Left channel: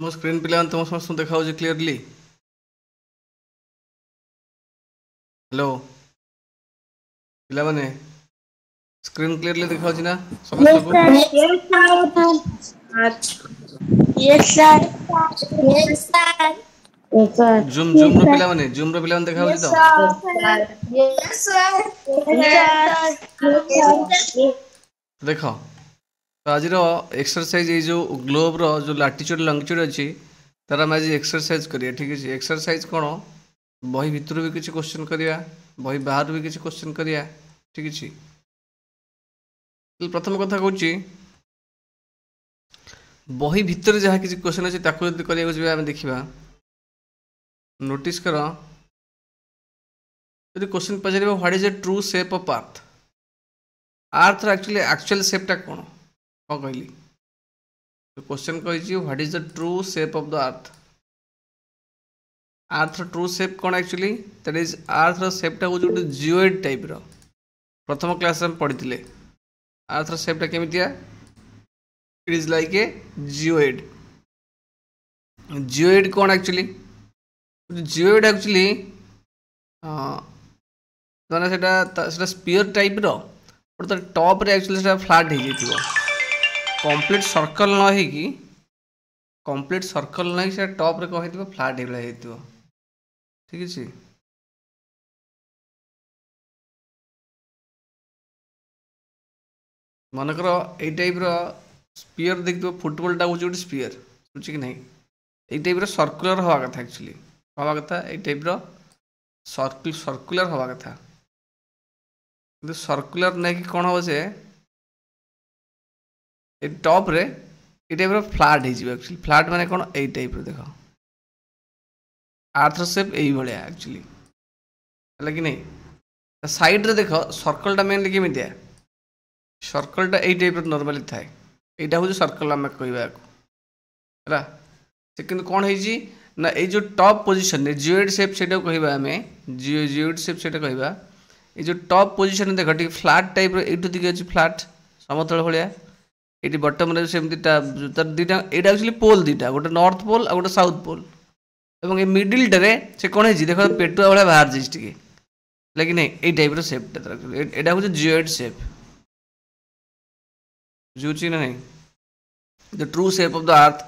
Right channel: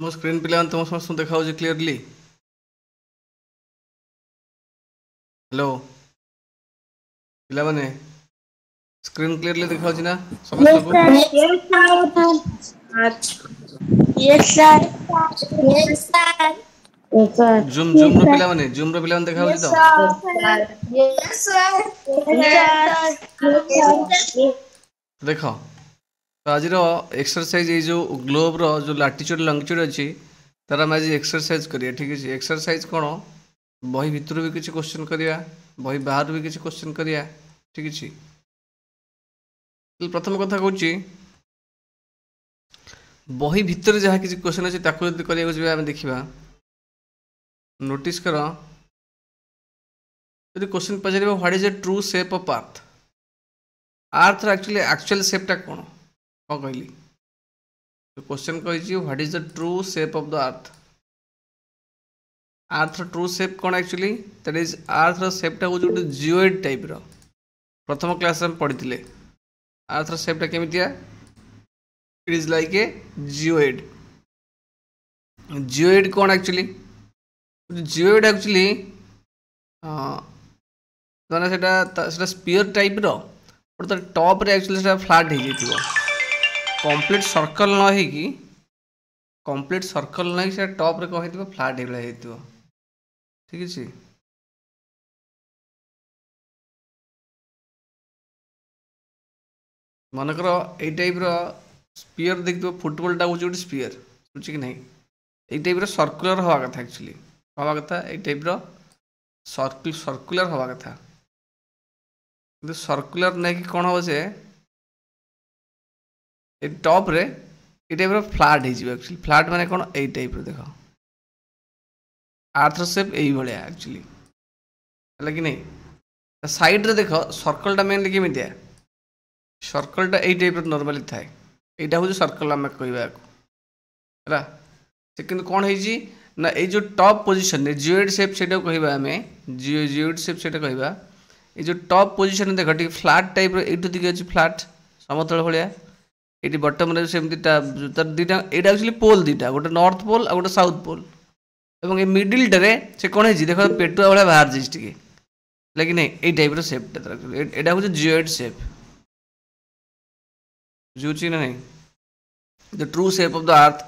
मो स्क्रीन पे तुम समस्त देखा क्लीयरली। हेलो पिलाने स्क्रीन क्लीयरली देखा ना समस्त Yes, को। sir. Yes, sir. Yes, sir. Yes, sir. Yes, sir. Zoom Yes, zoom रो sir. पिलाने देखा Yes, तो। sir. Yes, sir. Yes, sir. Yes, sir. देख तो आज एक्सरसाइज ये जो ग्लोब रो जो लाटिट्यूड लंगिट्यूड अच्छी तार आम आज एक्सरसाइज करिया। ठीक है एक्सरसाइज कौन बही भितर भी किसी क्वेश्चन करिया बही बाहर भी किसी क्वेश्चन करिया। ठीक है प्रथम कथा कहूँ बही भितर जहाँ किसी क्वेश्चन अच्छे करा देखा नोटिस कर यदि क्वेश्चन पचार what is a true shape of earth earth actual शेपटा कौन कौन कहली तो क्वेश्चन कही what is the true shape of the earth true shape कौन एक्चुअली दैट इज अर्थ शेपटा हूँ गोटे जिओइड टाइप रो प्रथम क्लास में पढ़ी अर्थ शेपटा केमितिया it is like a geoid. Geoid कौन एक्चुअली जिओइड एक्चुअली मैंने सेटा स्पीयर टाइप रो बट टॉप रे एक्चुअली सेटा फ्लैट हो जाइथिबो कंप्लीट सर्कल न होगी कंप्लीट सर्कल नहीं से टॉप रे कह फ्लैट हो ठीक है। मनकर ये टाइप रो स्पीयर देखिए फुटबॉल टा हूँ स्पीयर बुझे कि नहीं ये टाइप रो सर्कुलर हवा कथा एक्चुअली हवा कथा ये टाइप रो सर्कुलर हवा कथा किंतु सर्कुलर नहीं कि कौन हम से टॉप रे ये टाइप फ्लैट हो फ्लैट माने कौन ये टाइप देख अर्थ शेप यही भाया एक्चुअली है कि नहीं साइड रे देख सर्कलटा मेनली केमितिया सर्कलटा यही टाइप नॉर्मली थाए यहाँ हूँ सर्कल आम कहवा है कौन है ना ये जो टॉप पोजिशन जिओइड शेप से कहवा आम जिओइड शेप से कहवा ये जो टॉप पोजिशन देख टी फ्लैट टाइप यूँ दिखे अच्छी फ्लैट समतल भाया ये बटम सेमती दीटा यहाँ एक्चुअली पोल दीटा गोटे नॉर्थ पोल आ गोटे साउथ पोल और ये मिडिल टे से कौन है देख पेटुआ भाया बाहर जाइए लेकिन ये टाइप सेपटा यहाँ हूँ जिओइड शेप बुझे ना नहीं the true shape of the earth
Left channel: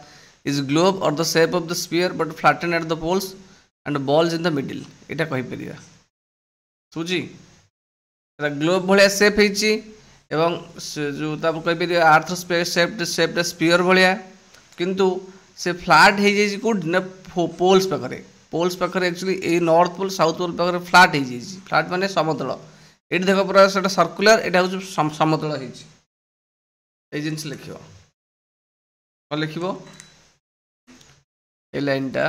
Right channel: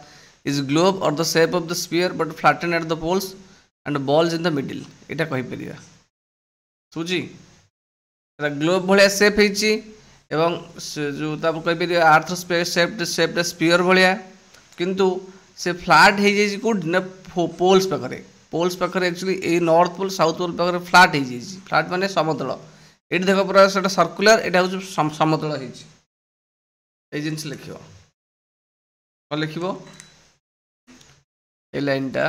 is globe or the shape of the sphere but flattened at the poles and balls in the middle एटा कहि परिया सुजी एटा ग्लोब भलिया शेप हेची एवं जो ताप कहि परिया अर्थ स्पेस शेप स्फीयर भलिया किंतु से फ्लैट हे जेजी को न पोल्स पाखरे एक्चुअली ए नॉर्थ पोल साउथ पोल पाखरे फ्लैट हे जेजी फ्लैट माने समतल एटी देखो पूरा सेटा सर्कुलर एटा हो समतल हेची ए जिंस लिखियो कौन लिखिबो a line ta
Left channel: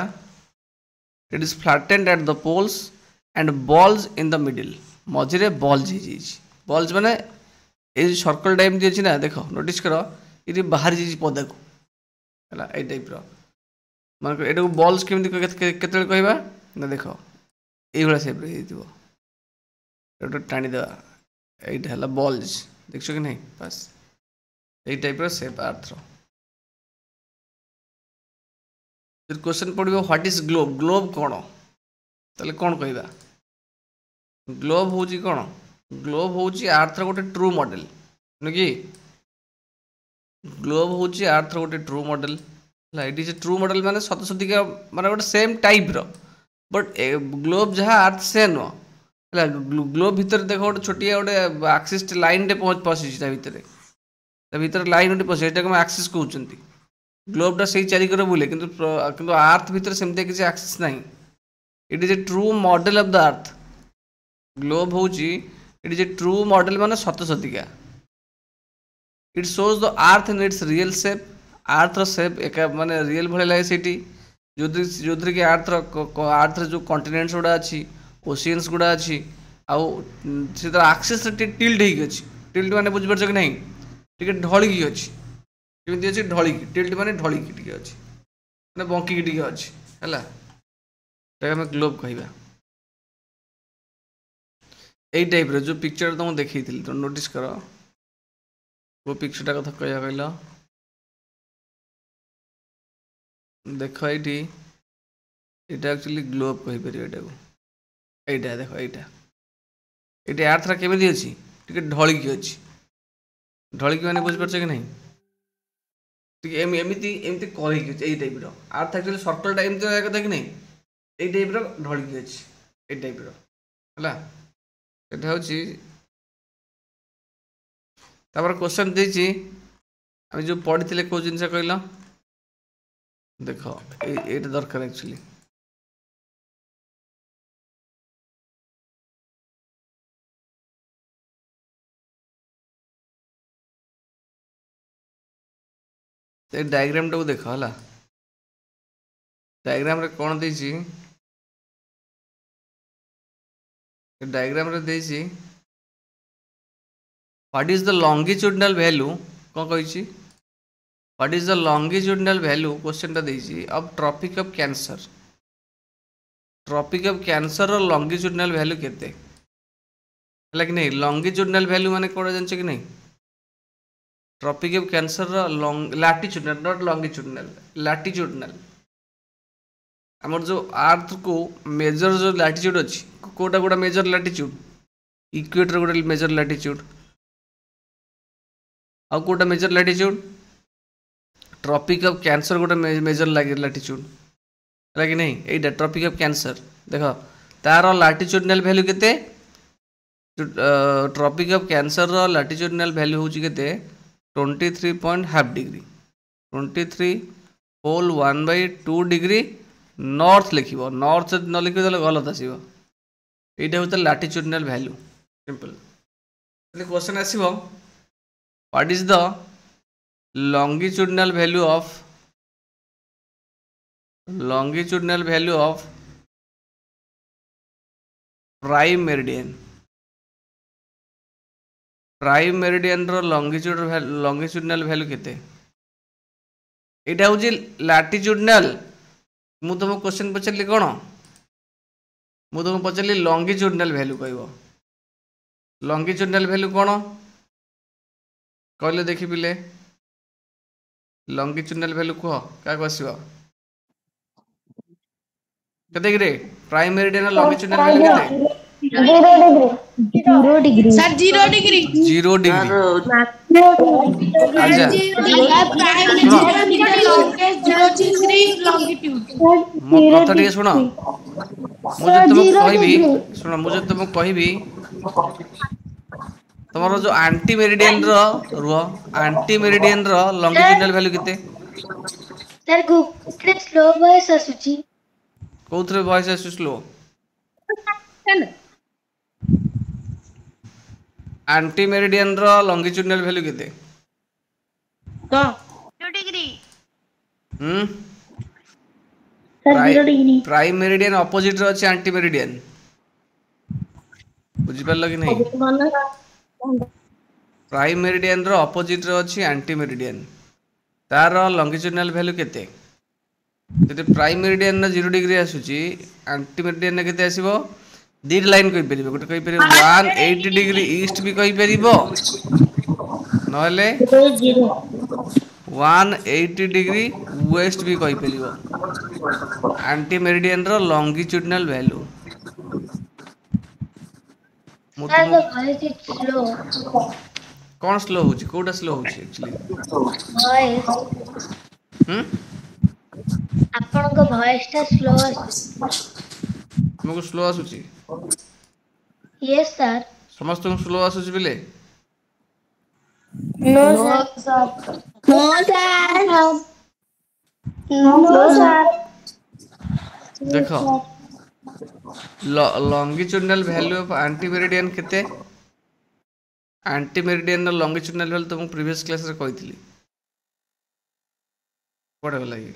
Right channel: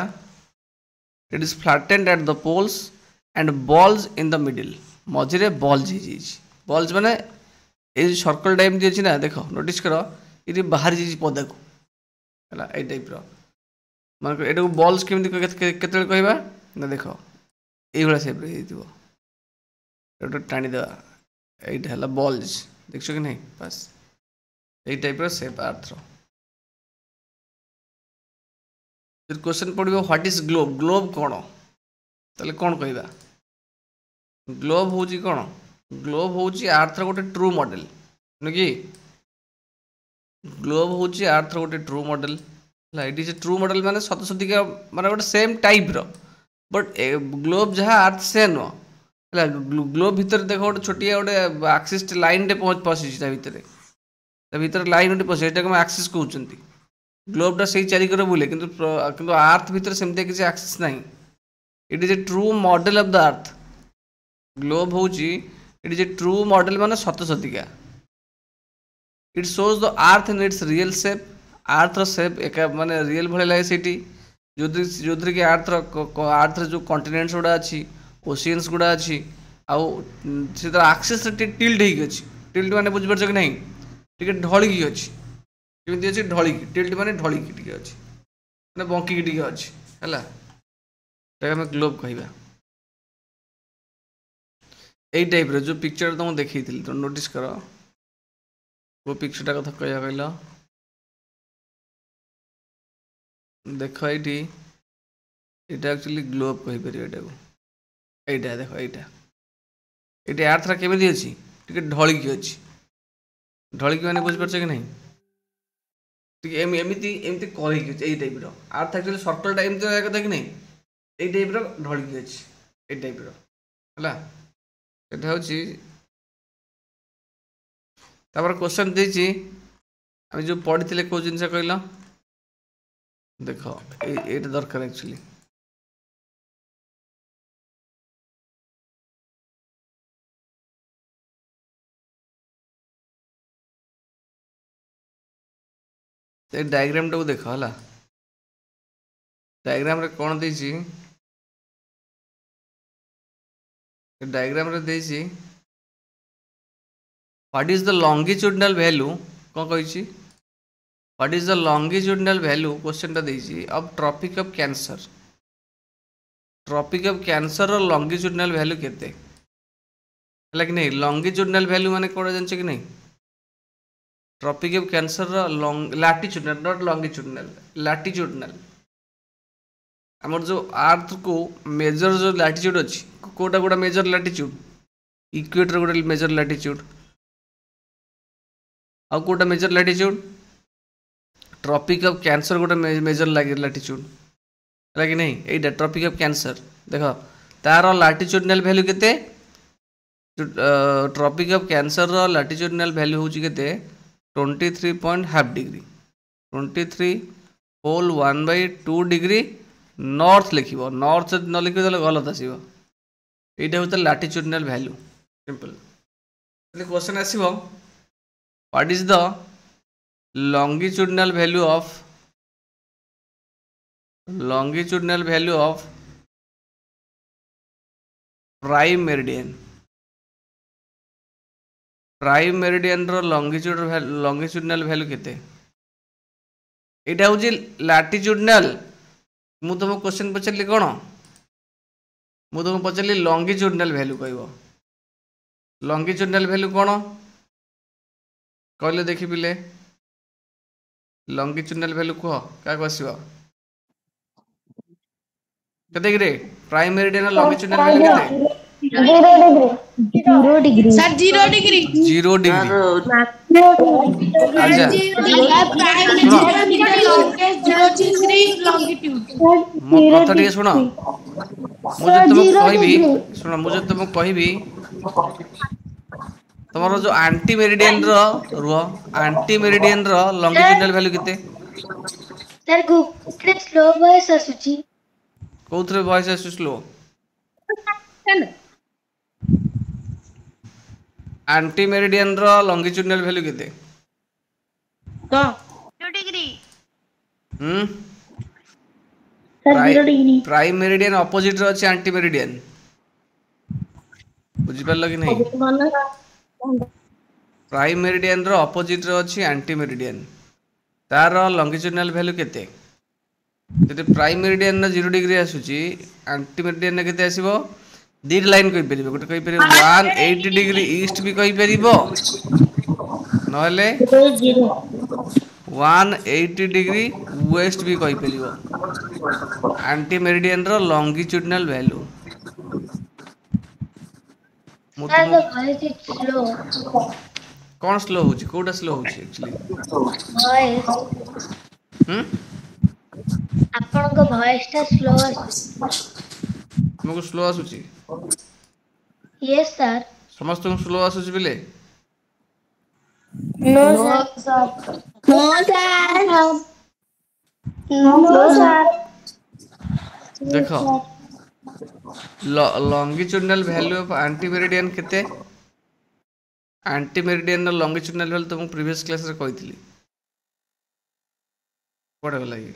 it is flattened at the poles and balls in the middle मझे बॉल्स बॉल्स माने ये सर्कल टाइप दिए ना देख नोटिस कर ये बाहर जाइए पदा को है ये टाइप मान ये बॉल्स केमी केत कहवा ना देख ये सेप टाणीदे यहाँ है बॉल्स देख कि नहीं बस ये टाइप सेप अर्थ क्वेश्चन पड़ो व्हाट इज ग्लोब ग्लोब कौन ताले कौन कहवा ग्लोब हूँ कौन ग्लोब हूँ अर्थ गोटे ट्रू मॉडल नुह कि ग्लोब हूँ अर्थ गोटे true model it is true model माने सत सतिका माने गोटे सेम टाइप रो बट ग्लोब जहाँ अर्थ से नुह है ग्लोब भितर देख गोटे छोटिया गोटे आक्सीस लाइन पशि भितर लाइन गोटे पशि आक्सीस कहते ग्लोबटा से चारिकर बुले किंतु अर्थ भितर सेमती किसी एक्सेस नहीं it is a true model of the earth globe हूँ it is a true model माने सत सतिका it shows the earth in its real shape earth shape एक माने रियल भाई लगे सीटी जो कि अर्थ जो कॉन्टिनेंट्स गुड़ा अच्छी ओशियंस गुड़ा अच्छी आउ आक्सीस टिल्ट टिल्ट माने बुझीपार कि नहीं टे ढलिकी अच्छी केमी अच्छी ढलिकी टिल्ट माने ढलिकी अच्छी मैंने बंकिकी अच्छी है आम ग्लोब कहवा यही टाइप जो पिक्चर तुमको देखी तो नोटिस कर वो पिक्चरटा कथा कह कहल देख ये এটা एक्चुअली ग्लोब कहि परियो एटाको एटा देखो एटा आर्थरा केमिति अछि टिके ढळिकी अछि ढळिकी माने बुझि परछ कि नहीं टिके एमिति एमिति करिकी अछि एई टाइप रो आर्थ एक्चुअली सर्कल टाइप तो एक देख नहीं एई टाइप रो ढळिकी अछि एई टाइप रो हला एटा होछि तापर क्वेश्चन देछि हम जो पढ़िथिले को जिंस कहला देखो एटा दरकार एक्चुअली तो डायग्राम टाको देख है डायग्राम रे कौन देछि डायग्राम रे देछि what is the longitudinal value कौन कहिछि what is the longitudinal value question टा देछि ऑफ ट्रॉपिक ऑफ कैंसर रो लॉन्गिट्यूडिनल वैल्यू केते है कि नहीं लॉन्गिट्यूडिनल वैल्यू माने कोन जानछ कि नहीं ट्रॉपिक ऑफ कैंसर रो लैटिट्यूडिनल नॉट लॉन्गिट्यूडिनल लैटिट्यूडिनल हमर जो अर्थ को मेजर जो लैटिट्यूड अछि कोटा कोटा मेजर लैटिट्यूड इक्वेटर कोटा मेजर लैटिट्यूड आ कोटा major latitude Tropic of Cancer कोटा मेजर लैटिट्यूड है कि नहीं एटा ट्रॉपिक ऑफ कैंसर देखो तार लैटिट्यूडिनल वैल्यू केते ट्रॉपिक ऑफ कैंसर रो लैटिट्यूडिनल वैल्यू होची केते 23.5 डिग्री 23 होल 1/2 डिग्री नॉर्थ लिखिबो नॉर्थ न लिखिबो तले गलत आसीबो एटा होता लैटिट्यूडिनल वैल्यू सिंपल तले क्वेश्चन आसीबो what is the longitudinal value of prime meridian रो longitudinal value केते एटा होची लैटिट्यूडिनल मु तुम क्वेश्चन पचारली कौन मु तुम पचारली लॉन्गिट्यूडिनल वैल्यू कहबो लॉन्गिट्यूडिनल वैल्यू कौन कहले देखि पिले लॉन्गिट्यूडिनल वैल्यू कह क्या आसीबो केते गिरे प्राइम मेरिडियन लॉन्गिट्यूडिनल वैल्यू केते 0 डिग्री सर 0 डिग्री 0 डिग्री अच्छा मो कथा टिके सुनो मुझे तुम कहबी तुमरो जो एंटी मेरिडियन रो एंटी मेरिडियन रो लॉन्गिट्यूडिनल वैल्यू केते सर गुटे स्लो वॉइस आसुची कोथरे वॉइस आसु स्लो एंटी मेरिडियन रो लॉन्गिट्यूडिनल वैल्यू केते तो 0 degree sir 0 degree prime meridian opposite रो अछि एंटी मेरिडियन बुझि परल कि नहीं प्राइम मेरिडियन रो ऑपोजिट रो अछि एंटी मेरिडियन तार लॉन्गिट्यूडिनल वैल्यू केते जदि प्राइम मेरिडियन ना 0 डिग्री आसुची एंटी मेरिडियन ना केते आसीबो दी लाइन कहि परिबो गोटे कहि परिबो 180 डिग्री ईस्ट भी कहि परिबो नहले 180 डिग्री वेस्ट भी कहि परिबो एंटी मेरिडियन रो longitudinal value sir the voice is slow कौन स्लो होची कोटा स्लो होची एक्चुअली वॉइस आपन को वॉइस टा स्लो तुमको स्लो आसुची यस सर समस्त को स्लो आसुची बिले no sir no sir no sir देखो longitudinal value of anti meridian केते एंटी मेरिडियन लॉन्गिट्यूडिनल वैल्यू तुमको प्रीवियस क्लास रे कहितली पढ़े लागि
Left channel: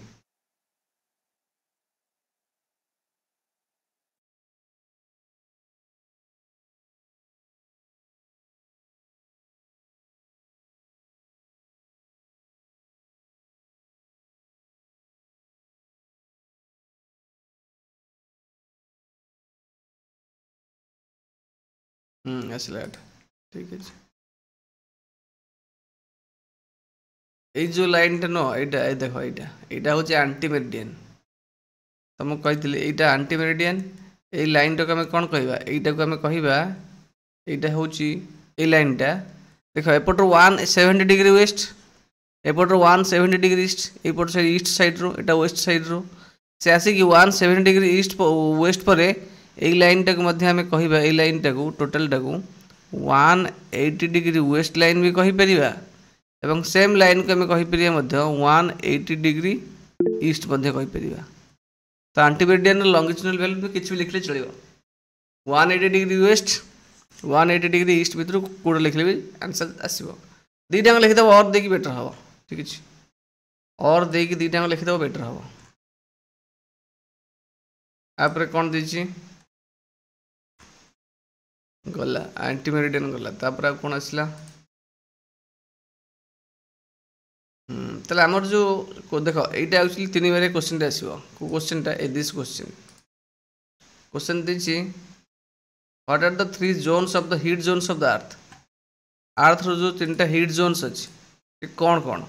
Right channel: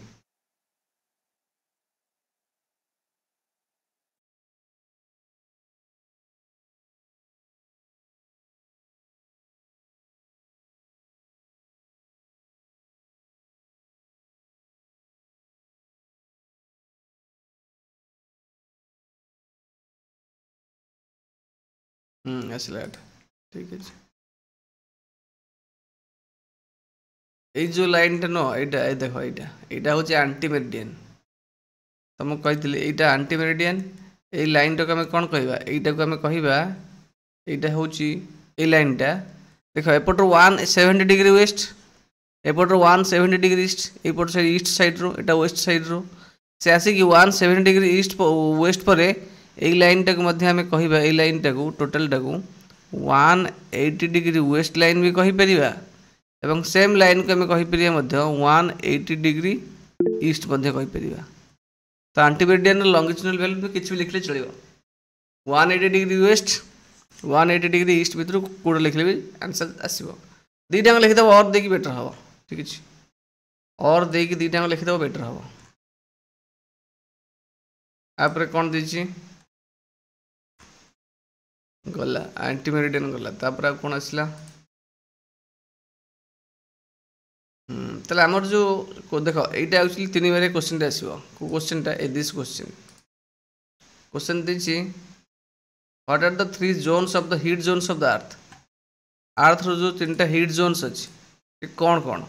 आसला ठीक है। এই जो लाइन टा न एटा ए देखो एटा होची एंटी मेरिडियन तुमको कही एटा एंटी मेरिडियन ए लाइन टाक आम कौन कहवा एटा को आम कहवा एटा होची ए लाइन टा देखो एपटर 170 डिग्री वेस्ट एपटर 170 डिग्री ईस्ट एपट से ईस्ट साइड रो एटा वेस्ट साइड रो से आसिक 170 डिग्री ईस्ट वेस्ट पर ए लाइन टाक आम कहवा ए लाइन टाक टोटाल टाक 180 डिग्री वेस्ट लाइन भी कही परिबा एवं सेम लाइन को आम कहीपर 180 डिग्री ईस्ट कहीपर तो एंटीमेरिडियन लंगिट्यूडनल वैल्यू किसी भी लिखले चलो 180 डिग्री वेस्ट 180 डिग्री ईस्ट भितर कौट लिखले भी आंसर आसो दीटा लिखिदेव और देकी बेटर हम ठीक अच्छे और देकी दीटा लिखिदेव बेटर हम आप कौन देछि गला एंटीमेरिडियन गला तापर कौन आसला आमर जो देख यहाँ एक्चुअली 3 बार क्वेश्चन आसो क्वेश्चन टा दिस क्वेश्चन दीची what are the 3 zones of the heat zones of the earth रो जो 3टा हीट जोन्स अच्छी कौन कौन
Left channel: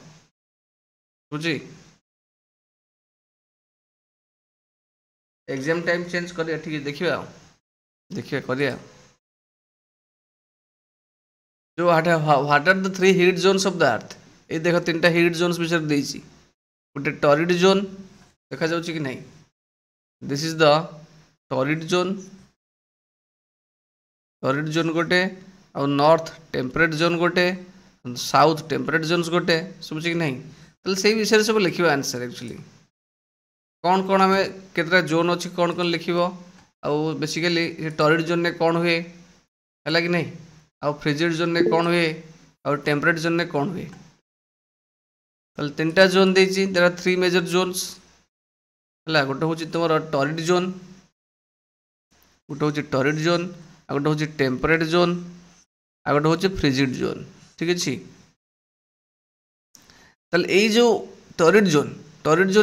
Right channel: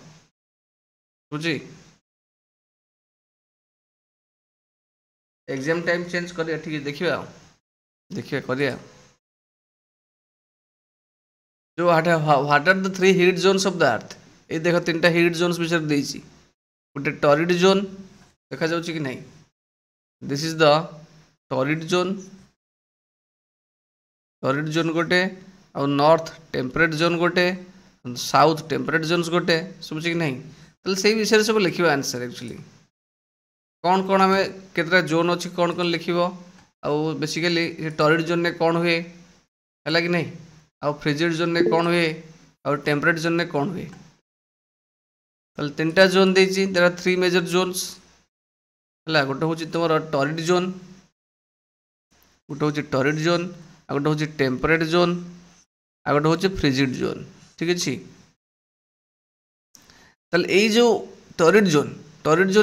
बुझी एग्जाम टाइम चेंज करिया ठीक देखिए देखिए करिया जो what are the 3 heat zones of the earth ये देख 3टा हीट जोन्स विषय देछि गोटे टॉरिड जोन देखा जाउछि कि नहीं this is the torrid zone गोटे और नॉर्थ टेम्परेट जोन गोटे साउथ टेम्परेट जोन्स गोटे समझ कि नहीं तो से विषय सब लिखिबा आंसर एक्चुअली कौन कौन आम केतरा जोन अच्छी कौन कौन लिखिबो आउ बेसिकली टॉरिड जोन ने कौन हुए है कि नहीं आउ फ्रिजिड जोन ने कौन हुए और टेम्परेट जोन ने कौन हुए तो 3टा जोन देछि देयर आर 3 मेजर जोन्स हला गोटे होछि तमरो टॉरिड जोन गोटे होछि टॉरिड जोन आ गोटे होछि टेम्परेट जोन आ गोटे होछि फ्रिजिड जोन ठीक अछि तल ए जो टॉरिड जोन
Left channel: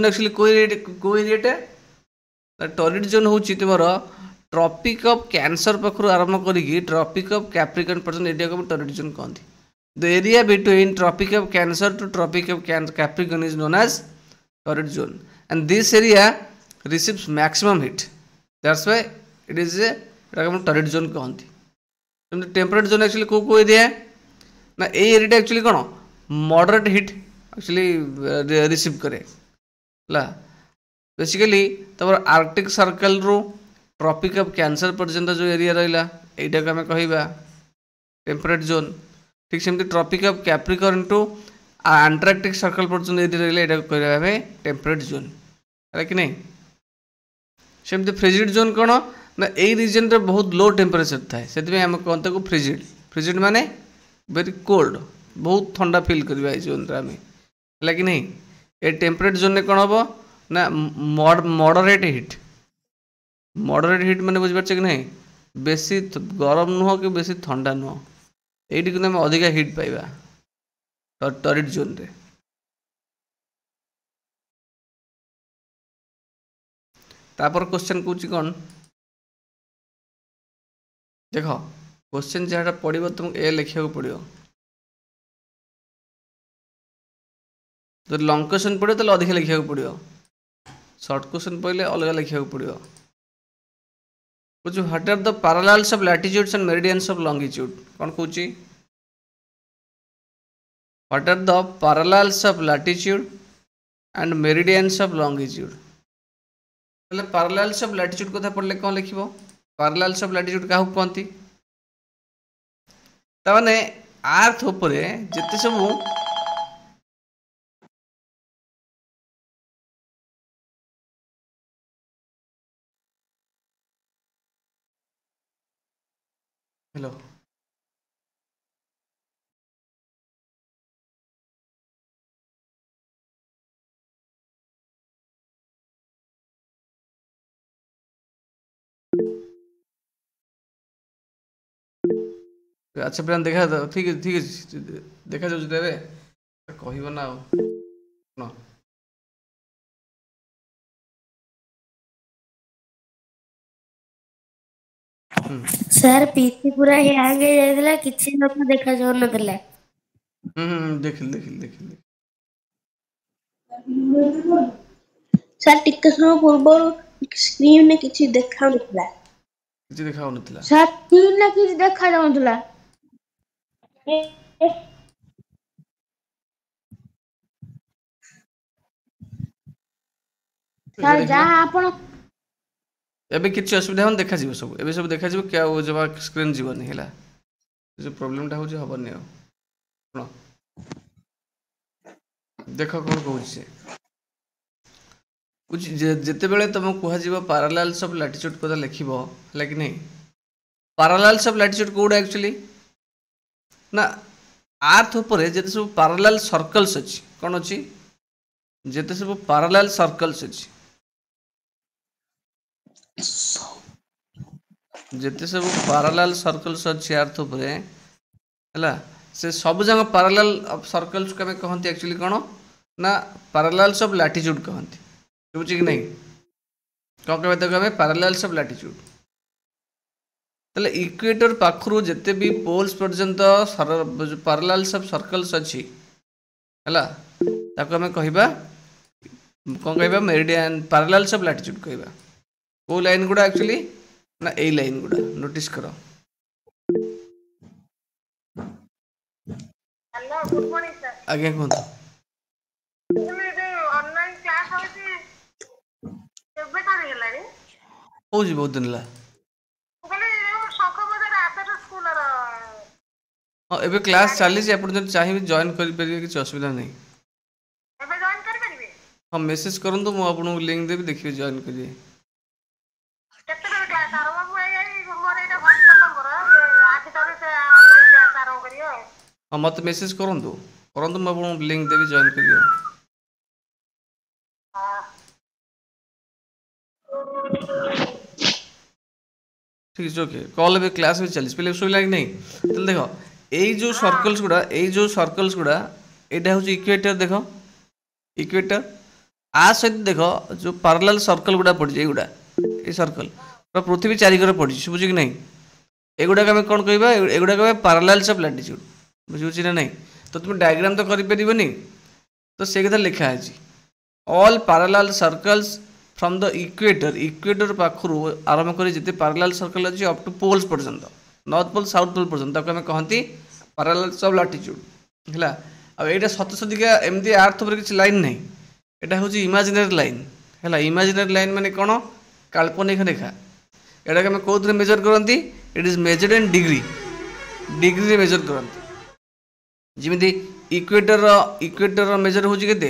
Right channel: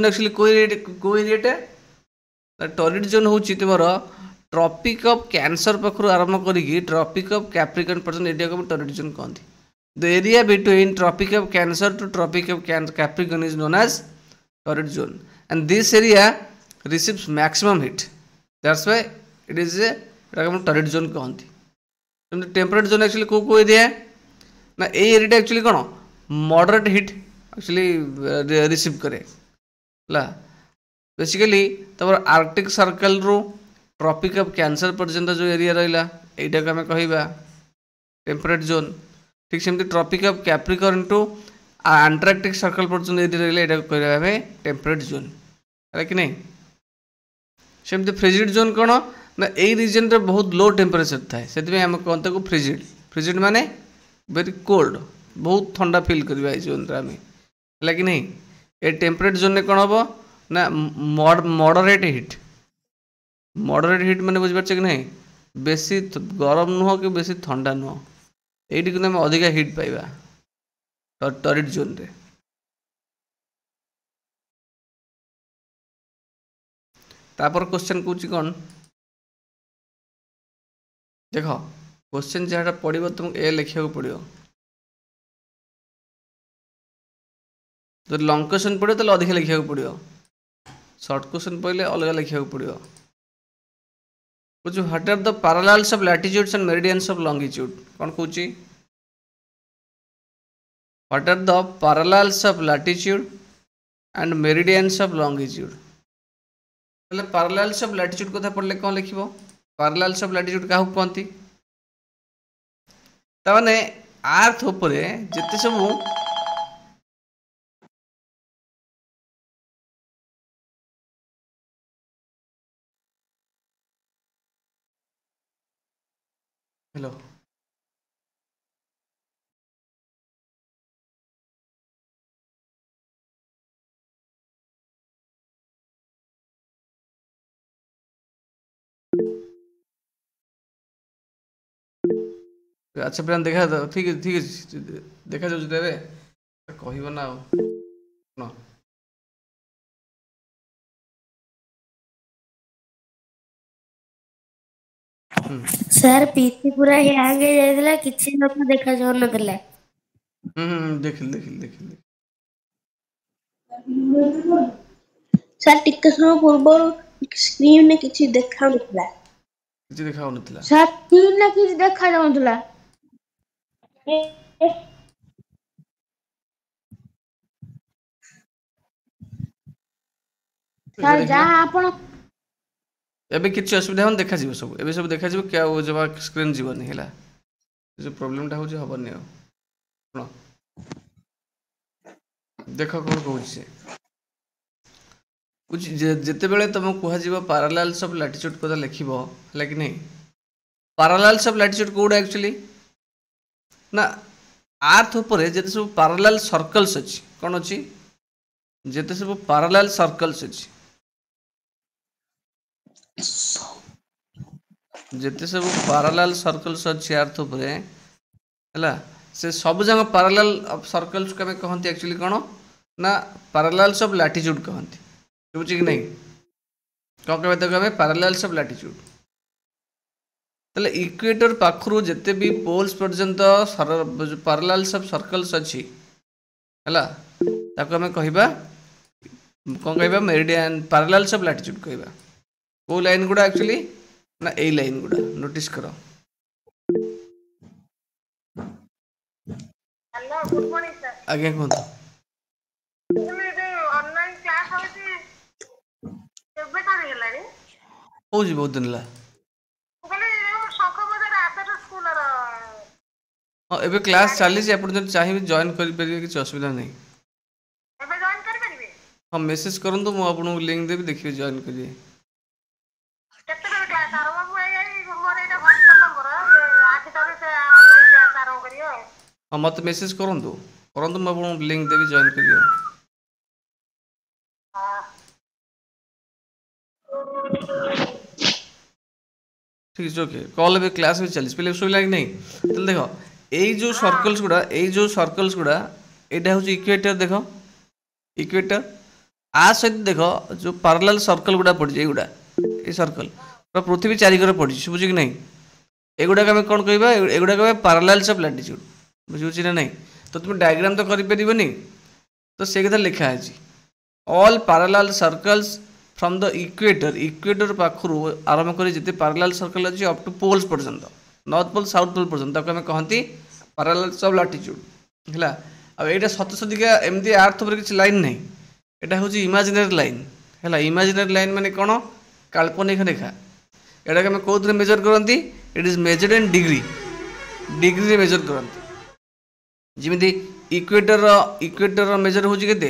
एक्चुअली को एरियाटा टॉरिड जोन होछि तमरो ट्रॉपिक ऑफ कैंसर पखरु आरंभ करिकी ट्रॉपिक ऑफ कैप्रिकॉर्न पर्यंत एरिया को टॉरिड जोन कहंती The area between Tropic of Cancer to Tropic of Capricorn is known as torrid zone, and this area receives maximum heat. That's why it is a torrid zone कहती. Temperate zone actually को area ना a area actually कौन moderate heat actually receive करे ला basically तमर Arctic Circle रो Tropic of Cancer पर्यंत जो एरिया रहिला एटा को हमें कहबा टेम्परेट जोन ठीक सेमती Tropic of Capricorn to Antarctic Circle पर्यंत एरिया रहिला एटा को कहबा हमें टेम्परेट जोन है कि नहीं सेमती फ्रिजिड जोन कौन ना यही रिजन रे बहुत लो टेम्परेचर थाए से आम कहते को फ्रिजिड माने वेरी कोल्ड बहुत ठंडा फील करवा जोन आम है कि नहीं ये टेम्परेट जोन में कौन हम ना मॉडरेट हिट माने बुझिपारछ कि नहीं बेसी गरम नुह कि बेसी ठंडा नुह ये अधिका हिट पाइबा टॉरिड जोन रे तापर क्वेश्चन कौच कौन देख क्वेश्चन जहाँ पड़ो तुमको ए लिखा पड़ो जब लंग क्वेश्चन पड़ो तो अधिक लिखा पड़ो सर्ट क्वेश्चन पड़े अलग लिखा पड़ो कुछ what are the parallels of latitudes and meridians of longitude कौन कौची what are the parallels of latitude and meridians of longitude मतलब पैरेलल्स ऑफ लैटिट्यूड कथा पढ़ले कौन लिखिबो पैरेलल्स ऑफ लैटिट्यूड काहू कहंती ताने अर्थ ऊपर जते सब हेलो अच्छा प्लान देखा ठीक है देखा जाए कह ना सर पीसी पूरा हैंग हो जाइला किछि लोग देखा जाउ नथिला देखिल ସାର୍ ଟିକେ ସମୟ ପୂର୍ବରୁ ସ୍କ୍ରିନରେ କିଛି ଦେଖାଉନଥିଲା। କିଛି ଦେଖାଉନଥିଲା। ସାର୍ ସ୍କ୍ରିନରେ କିଛି ଦେଖାଯାଉନଥିଲା। ସାର୍ ଯାହା ଆପଣ ଏବେ କିଛି ଅସୁବିଧା ହବନି, ଦେଖାଯିବ ସବୁ, ଏବେ ସବୁ ଦେଖାଯିବ କି ଆଉ ଜମା ସ୍କ୍ରିନ୍ ଯିବନି ହେଲା। जो प्रोब्लेमटा हूँ हेनी आ देख कौन कौन जिते बड़े तुमको कह पैरेलल्स ऑफ लैटिट्यूड कथा लिख है कि नहीं parallels of latitude Kauda actually ना अर्थ उपर जिते सब पैरेलल सर्कल्स अच्छी कौन अच्छी जिते सब पैरेलल सर्कल्स अच्छी जिते सब पैरेलल सर्कल्स अच्छी अर्थ उपर है से सब जगह पैरेलल ऑफ सर्कल्स को कहते एक्चुअली कौन ना पैरेलल्स ऑफ लैटिट्यूड कहते बुझे कि नहीं कौन कहते हमें पैरेलल्स ऑफ लैटिट्यूड तले इक्वेटर पाखरु जिते भी पोल्स पर्यंत पैरेलल्स ऑफ सर्कल्स अच्छी है ताको हमें कहबा कौन कहबा मेरिडियन पैरेलल्स ऑफ लैटिट्यूड कहबा को लाइन गुडा एक्चुअली ना ए लाइन गुडा नोटिस करो हेलो गुड मॉर्निंग सर आज्ञा कहतु ऑनलाइन क्लास होची केबे कर गेलानी हो जी बहुत दिन ला बोले शौक बजार आदर स्कूल रो हां एबे क्लास चली जे अपन जन चाहिए जॉइन कर परिए किछ असुविधा नहीं एबे जॉइन कर परिबे हां मैसेज करन तो मु आपन लिंक देबी देखिए जॉइन करिए केते बजे क्लास आरंभ हुए मोर एटा व्हाट्सएप नंबर आज तारे से ऑनलाइन क्लास आरंभ करियो हाँ मत मैसेज करंतु मैं आपन लिंक देबी जॉइन करिए ठीक है ओके कॉल भी क्लास भी चली पहले सुई लाग नहीं तो देखो ए जो सर्कल्स गुडा एटा हो इक्वेटर देखो इक्वेटर आ सहित देखो जो पैरेलल सर्कल गुडा पड़ जाए गुडा ए सर्कल पृथ्वी चारिकर पड़ी बुझे कि नहीं एगुड़ा आम कौन कहबा एगुड़ा कहबा पैरेलल्स ऑफ लैटिट्यूड बुझे ना नहीं तो तुम डायग्राम तो कर परिबनी तो से कथा लिखा है all parallel circles from the equator पाखरु आरंभ कर जिते पैरेलल सर्कल अच्छी अप टू पोल्स पर्यंत नॉर्थ पोल साउथ पोल पर्यंत आम कहती पैरेलल्स ऑफ लैटिट्यूड है आईटा सत सतिका एमती अर्थ पर किसी लाइन नहीं यहाँ हूँ इमेजिनरी लाइन है इमेजिनरी लाइन माने कौन काल्पनिक रेखा एटा आम कौन मेजर करती it is measured in degree measure करती जमी इक्वेटर मेजर हूँ के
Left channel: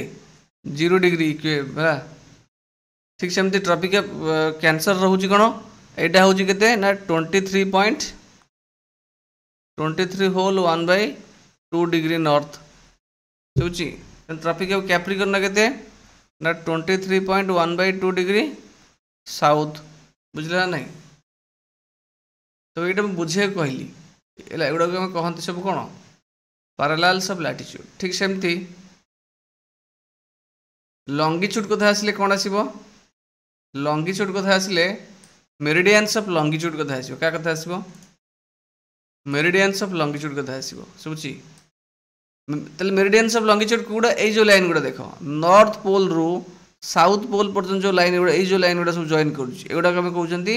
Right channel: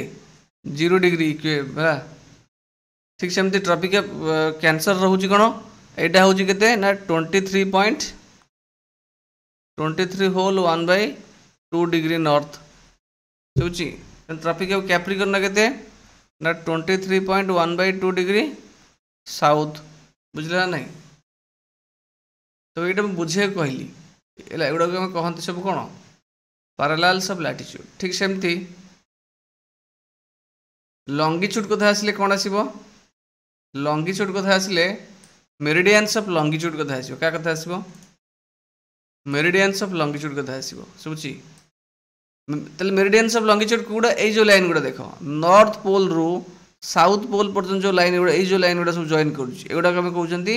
0 डिग्री है ठीक सेमती ट्रॉपिक कैंसर रोचे कौन यहाँ हूँ के ना 23 होल 1/2 डिग्री नॉर्थ बुझी ट्रॉपिक कैप्रिकॉर्न के ना 23.1/2 डिग्री साउथ बुझे ना नहीं तो ये बुझे कहली एगुड़ा कहते सब कौन पैरेलल्स ऑफ लैटिट्यूड ठीक सेमती लॉन्गिट्यूड कथा आसिले कौन आसीबो लॉन्गिट्यूड कथा आसिले मेरिडियंस ऑफ लॉन्गिट्यूड कथा आसीबो क्या कथा आसीबो मेरिडियंस ऑफ लॉन्गिट्यूड कथा आसीबो सुबुची तले मेरिडियंस ऑफ लॉन्गिट्यूड गुडा ए जो लाइन गुडा देखो नॉर्थ पोल रु साउथ पोल पर्यंत जो लाइन गुडा ए जो लाइन गुडा सब जॉइन करूची एगुडा हम कहउचंती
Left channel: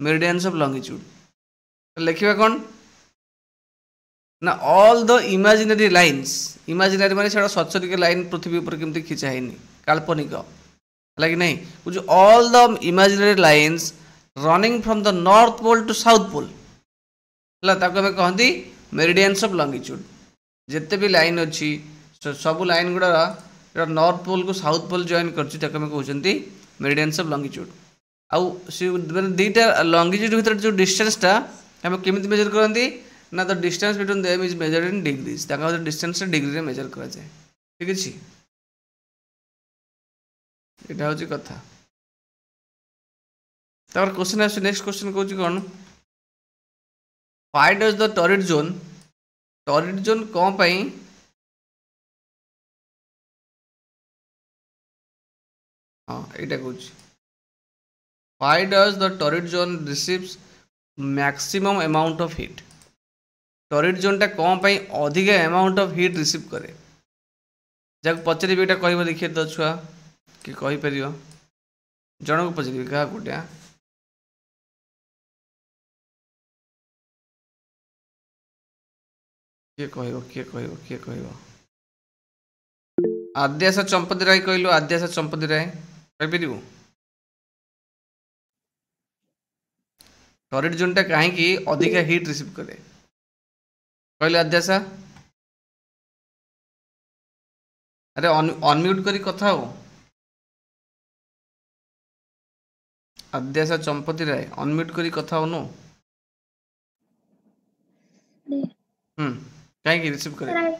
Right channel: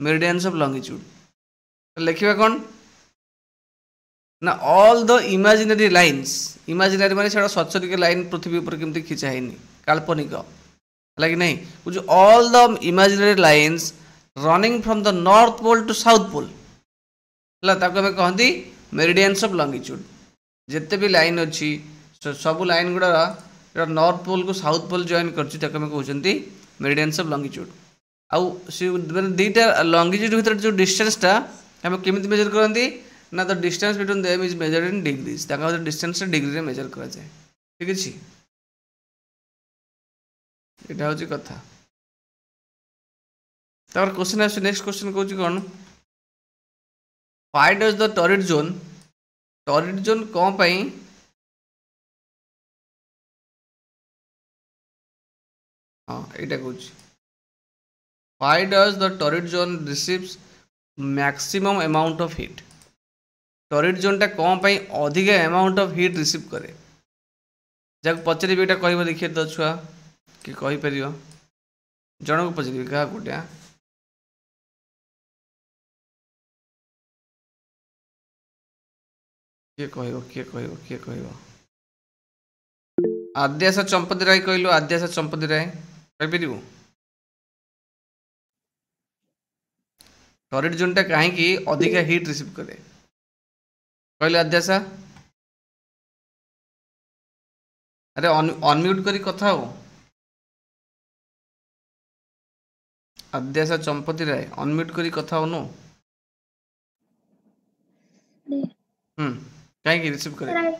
मेरिडियंस ऑफ लॉन्गिट्यूड लिखिबा कौन ना all the imaginary lines imaginary माने सेटा सचरिक लाइन पृथ्वी ऊपर केमती खिंचा है काल्पनिक है कि नहीं कुछ all the imaginary lines running from the north pole to south pole है कहती मेरिडियंस ऑफ लॉन्गिट्यूड जिते भी लाइन अच्छी सब लाइन गुड़ा नॉर्थ पोल को साउथ पोल जॉइन करती मेरिडियंस ऑफ लॉन्गिट्यूड आउ दुईटा लॉन्गिट्यूड भीतर जो डिस्टेंसटा आम केमी मेजर करती ना the distance between them is measured in degrees distance degree रे मेजर करा जाए ठीक अछि एटा होची कथा तार क्वेश्चन आछ नेक्स्ट क्वेश्चन कहूची कोन why does the torrid zone कोन पई हां एटा कहूची why does the torrid zone receives maximum amount of heat torrid जोनटा कौन पाई अधिक अमाउंट ऑफ हीट रिसीव करे जहाँ पचारि एटा कह देखिए तो छुआ कि कहीपर जन को पचारि क्या गोटे किए कह आद्याशा चंपती राय कहलु आद्याशा चंपती राय कहीपर टॉरिड जोनटा कहीं अधिक हिट रिसीव करे कहले आद्याशा अरे अनम्यूट करी कथा हो आद्याशा चंपती राय अनम्यूट करी कथा हो नो कहीं रिसीव करे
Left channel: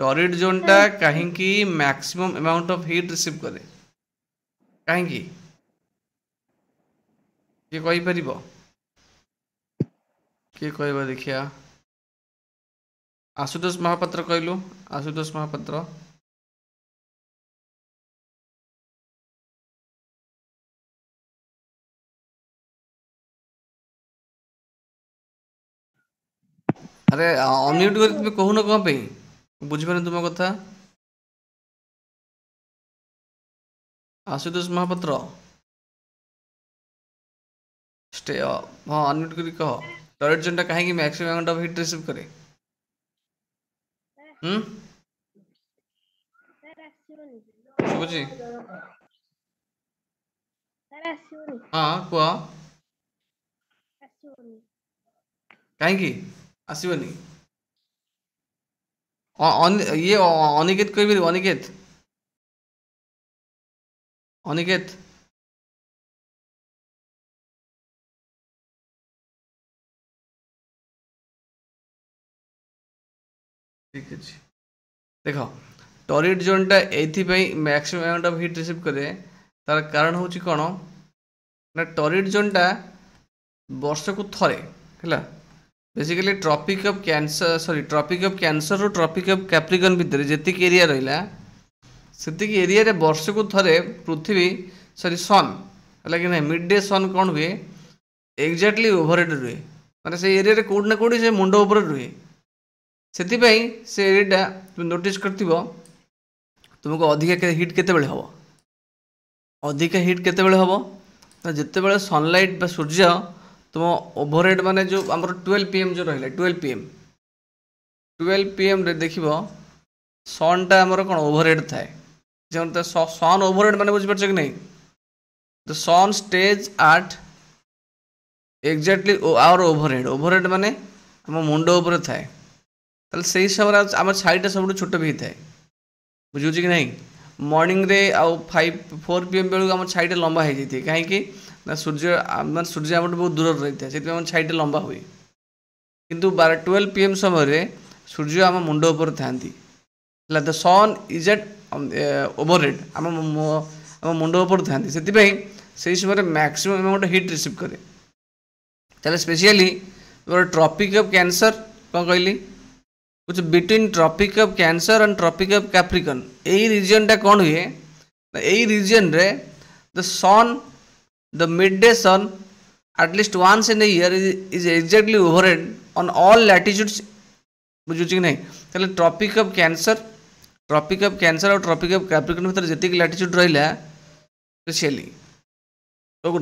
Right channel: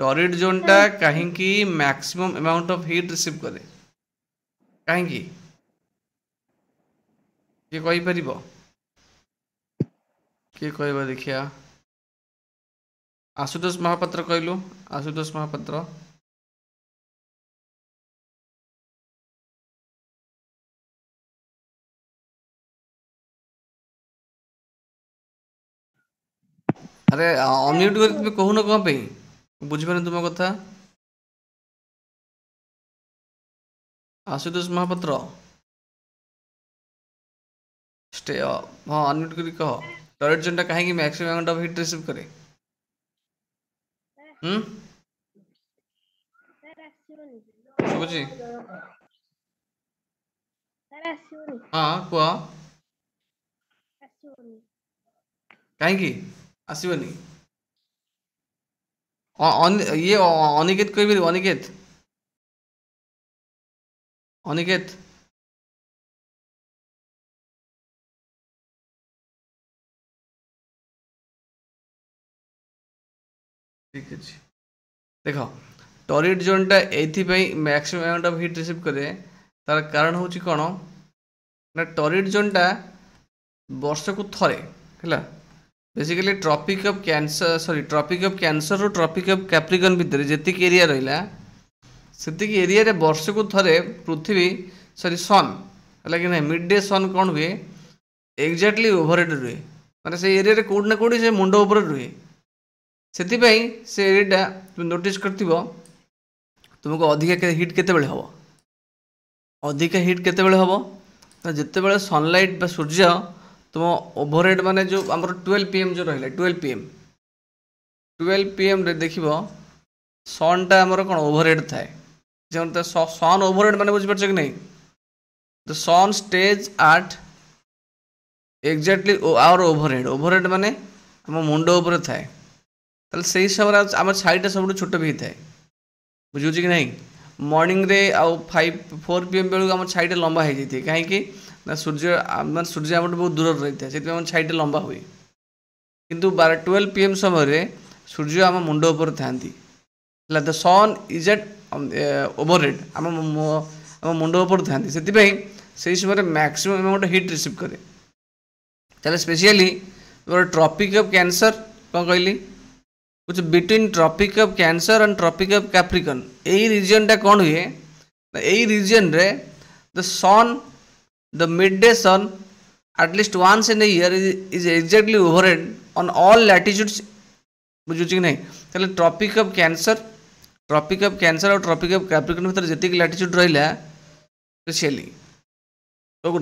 टॉरिड जोनटा कहीं maximum amount of heat receive करे कहीं किए कहीपर किए कह देखिया आशुतोष महापात्र कहलु आशुतोष महापात्र अरे अनम्यूट कर तुम कहून कौन पे बुझिपारे तुम कथा आशुतोष महापात्र स्टे हाँ अनम्यूट कर कह टॉरिड जोनटा कहीं maximum amount of heat receive करे बुझी हाँ कह कहीं आसबनी ये अनिकेत कह अनिकेत अनिकेत ठीक है देख टॉरिड जोनटा ये maximum amount of heat receive करे तार कारण हूँ कौन ना टॉरिड जोनटा वर्ष को थरे है basically Tropic of Cancer sorry Tropic of Cancer और ट्रॉपिक ऑफ कैप्रिकन भितर जी एरिया रहा से एरिया रे वर्ष को थरे पृथ्वी सॉरी सन है कि मिड डे सन कौन हुए एक्जाक्टली ओवरहेड रुहे माने से एरिया रे कोड ना कोडी से मुंड ऊपर रुहे से एरिया तुम नोटिस कर तुमको अधिक हिट केते हम अधिक हिट केते हम जिते सनलाइट बा सूर्य तुम ओवरहेड माने जो आम 12 PM जो रहा 12 PM रे देख सनटा आमर कौन ओवरहेड थाए जो सन ओवरहेड माने बुझीपार कि नहीं the sun stays at exactly our overhead overhead माने आम मुंड उपर थाए से समय आम छाईटा सब छोट भी होता है बुझे कि नहीं मॉर्निंग रे आउ 4 PM बेलू आम छाईटा लंबा हो जाए कहीं ना सूर्य मान सूर्य आम बहुत दूर रही है से छाईटा लंबा हुए किंतु 12 PM समय सूर्य आम मुंड उपर था the sun is at overhead आम मुंड उपर था से समय मैक्सिमम अमाउंट हिट रिसीव करे ताले स्पेशली ट्रॉपिक ऑफ कैंसर कौन कहली कुछ between Tropic of Cancer and Tropic of Capricorn यही रीजन टा कौन हुए यही रीजन रे the sun the midday sun at least once in a year is exactly overhead on all latitudes बुझुच कि नहीं ताले ट्रॉपिक ऑफ कैंसर और ट्रॉपिक ऑफ कैप्रिकन भीतर जति लैटिट्यूड रहा स्पेशली तो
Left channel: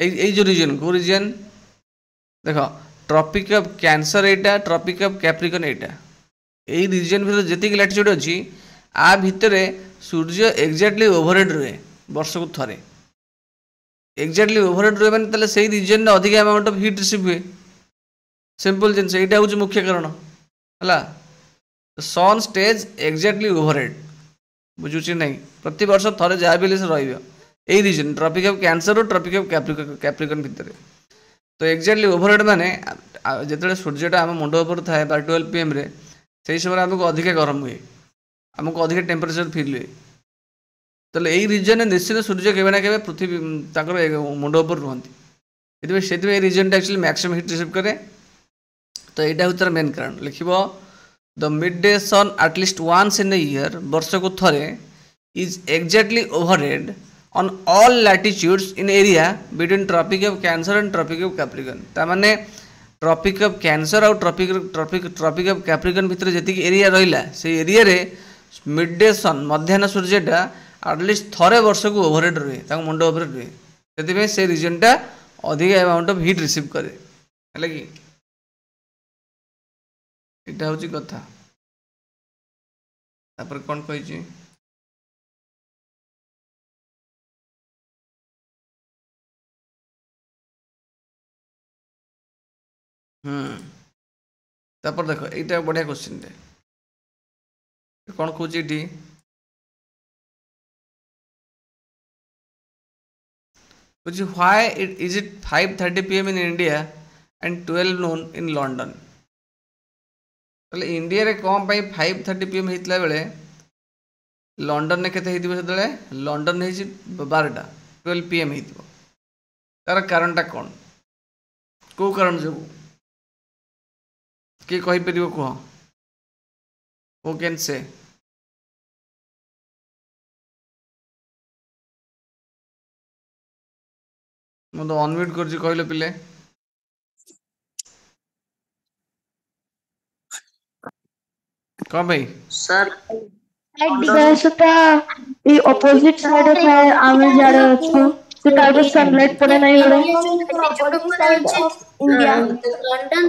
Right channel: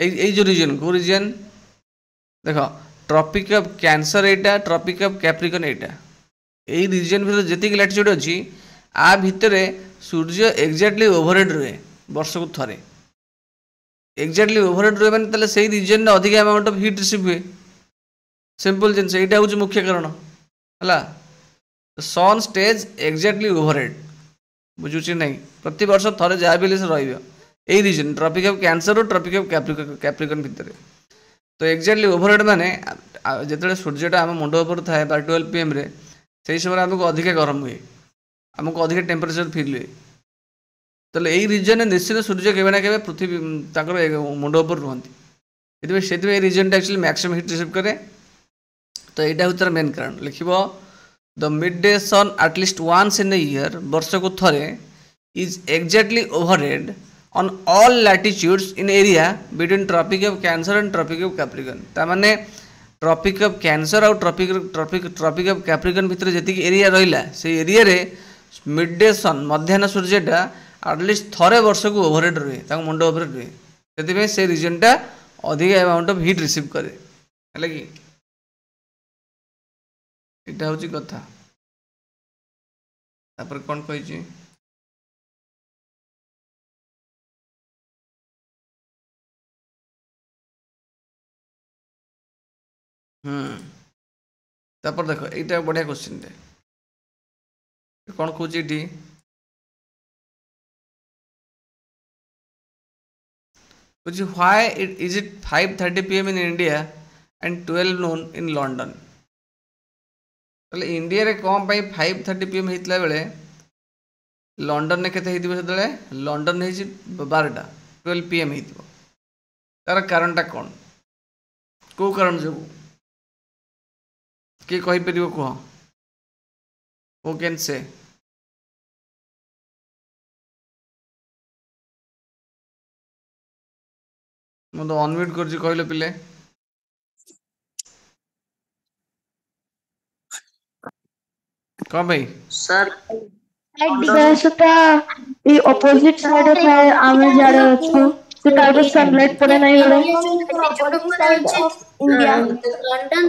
देख यही जो रीजन को रीजन देख tropic of cancer Etah Tropic of Capricorn एटा यही रीजन भीतर जति लैटिट्यूड अच्छी आ भितर सूर्य एक्जाक्टली ओवरहेड रुहे वर्ष को थरे एक्जाक्टली ओवरहेड रुहे माने से रीजन अधिक अमाउंट ऑफ हिट रिसीव हुए सिंपल जिन यहाँ हूँ मुख्य कारण है सन स्टेज एक्जाक्टली ओवरहेड बुझुच नहीं प्रति वर्ष थरे जहाँ भी से रही रीजन ट्रॉपिक ऑफ कैंसर और ट्रॉपिक ऑफ कैप्रिकन भितर तो एक्जाक्टली ओवरहेड माने जिते सूर्यटा आम मुंड उपर थाए 12 PM रे से समय आमको अधिक गरम हुए आमको अधिक टेम्परेचर फिल हुए तो यही रीजन निश्चित सूर्य केवे ना केवे पृथ्वी मुंड उपर रुहति से reason actually maximum heat receive करे तो यहाँ हूँ तार मेन कारण लिख the midday sun at least once in a year वर्ष को थरे is exactly overhead on all latitudes in area between tropic of cancer and tropic of capricorn तामाने ट्रॉपिक ऑफ कैंसर और ट्रॉपिक ऑफ कैप्रिकॉर्न भितर जति area रहिला से area रे मिड डे सन मध्याह्न सूर्यटा एटलिस्ट थरे वर्ष को ओवरहेड रहे ताको मुंड ओवरहेड रहे सेति से रीजन टा अधिक अमाउंट ऑफ हीट रिसीव करे हला कि इटा होची कथा तापर कोन कहि छी तापर देखो एटा बढ़िया क्वेश्चन टे कौन कौच why it is it 5:30 PM in India and 12 noon in London India रे कौन पाई 5:30 PM होता बेले लंडन ने केते हेतिबो सेतले लंडन हेछि 12टा 12 PM हेतिबो तार कारणटा कौन को कारण जो कि कहि परिबो को हु कैन से मैं तो अनम्यूट कर कहले पिले कौन भाई सर सेटा ई ऑपोजिट साइड ଥାଏ ଆମେ ଜାଡେ ଅଛୁ ସେ ତାର ସनଲାଇट ପଡେ ନାହିଁ इंडिया लंडन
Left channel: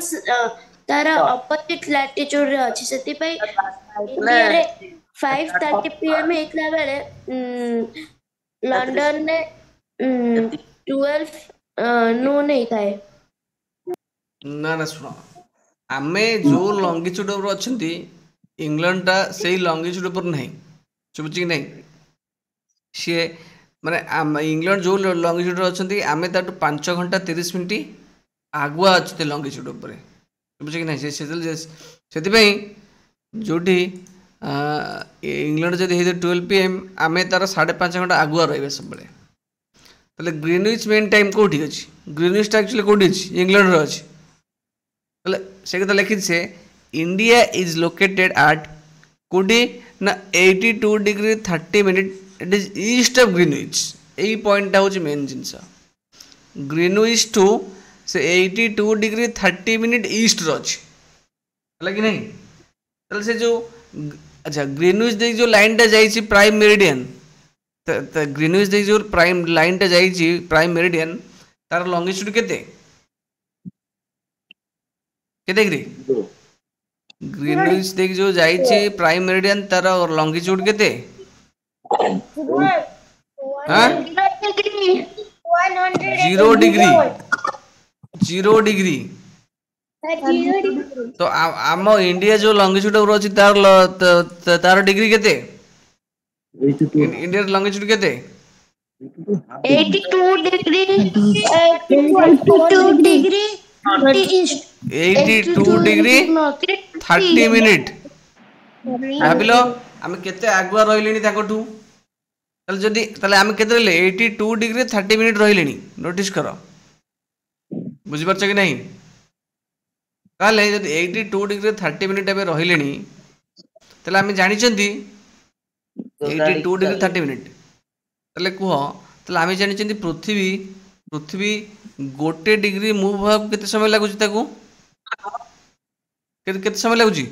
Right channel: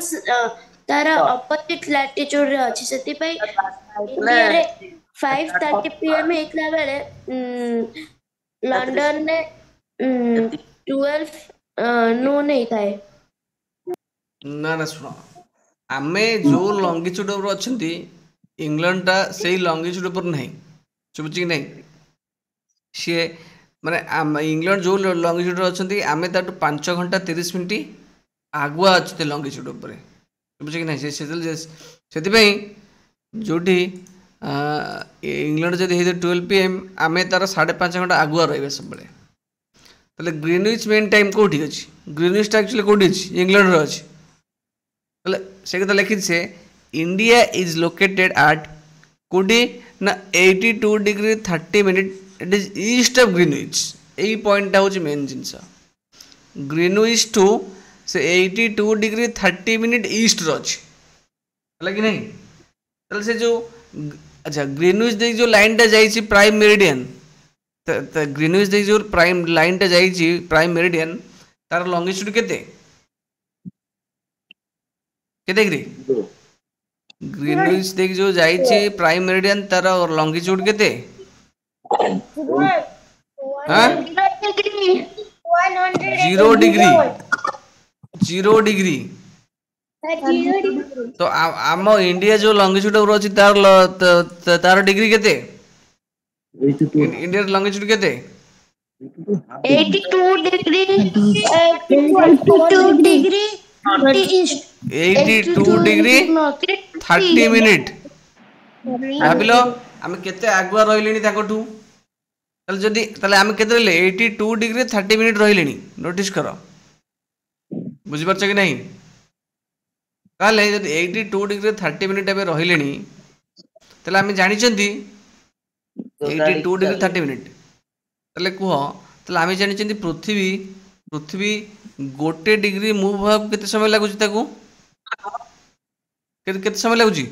तार ऑपोजिट लैटिट्यूड रे अछि सेति पई इंडिया रे 5:30 PM हेतला बेले लंडन ने 12 नून हेताए ना ना सुनो आमे जो लॉन्गिट्यूड पर अछंती इंग्लैंड टा सेही लॉन्गिट्यूड पर नहीं चुबुची कि नहीं सी माने इंग्लैंड जो लॉन्गिट्यूड पर अछंती आमे ताटू 5 घंटा 30 मिनिट आगुआ अच्छे लॉन्गिट्यूड पर चुबुची कि नहीं से जोटी इंग्लैंड जदि 12 PM आमे तार 5.5 घंटा आगुआ रहिबे सब बेले तले ग्रीनविच मेन टाइम कोठी अछि ग्रीनविच एक्चुअली कोठी अछि इंग्लैंड रो अछि तले से कथा लिखि से इंडिया इज लोकेटेड एट कोठी ना 82 degree 30 minute it is east of Greenwich एई पॉइंट होछि मेन जिंस ग्रीनविच टू से 82 डिग्री 30 मिनिट ईस्ट रो अछि हला कि नहीं तले से जो अच्छा ग्रीनविच दे जो लाइन टा जाई छी प्राइम मेरिडियन तो ग्रीनविच दे जो प्राइम लाइन टा जाई छी प्राइम मेरिडियन तार लॉन्गिट्यूड केते डिग्री ग्रीनविच दे जो जाई छी प्राइम मेरिडियन तार लॉन्गिट्यूड केते हां 0 डिग्री तो आम इंडिया जो लॉन्गिट्यूड पर अछि तार डिग्री केते इंडिया लॉन्गिट्यूड केते 82 डिग्री 82 डिग्री 82 डिग्री 30 मिनिट भाबिलो हम केते आगुआ रहिलेनी ताकटू तले जदी तले हम केते रहिले 82 डिग्री 30 मिनिट रहिलेनी नोटिस करो बुझि परछ कि नहीं कहले जदी 82 डिग्री 30 मिनिट एबे रहिलेनी तले हम जानि चंदी 82 डिग्री 30 मिनिट तले कुह तले हम जानि चंदी पृथ्वी गोटे डिग्री मूव होब केते समय लागुची ताकू केते समय लागुची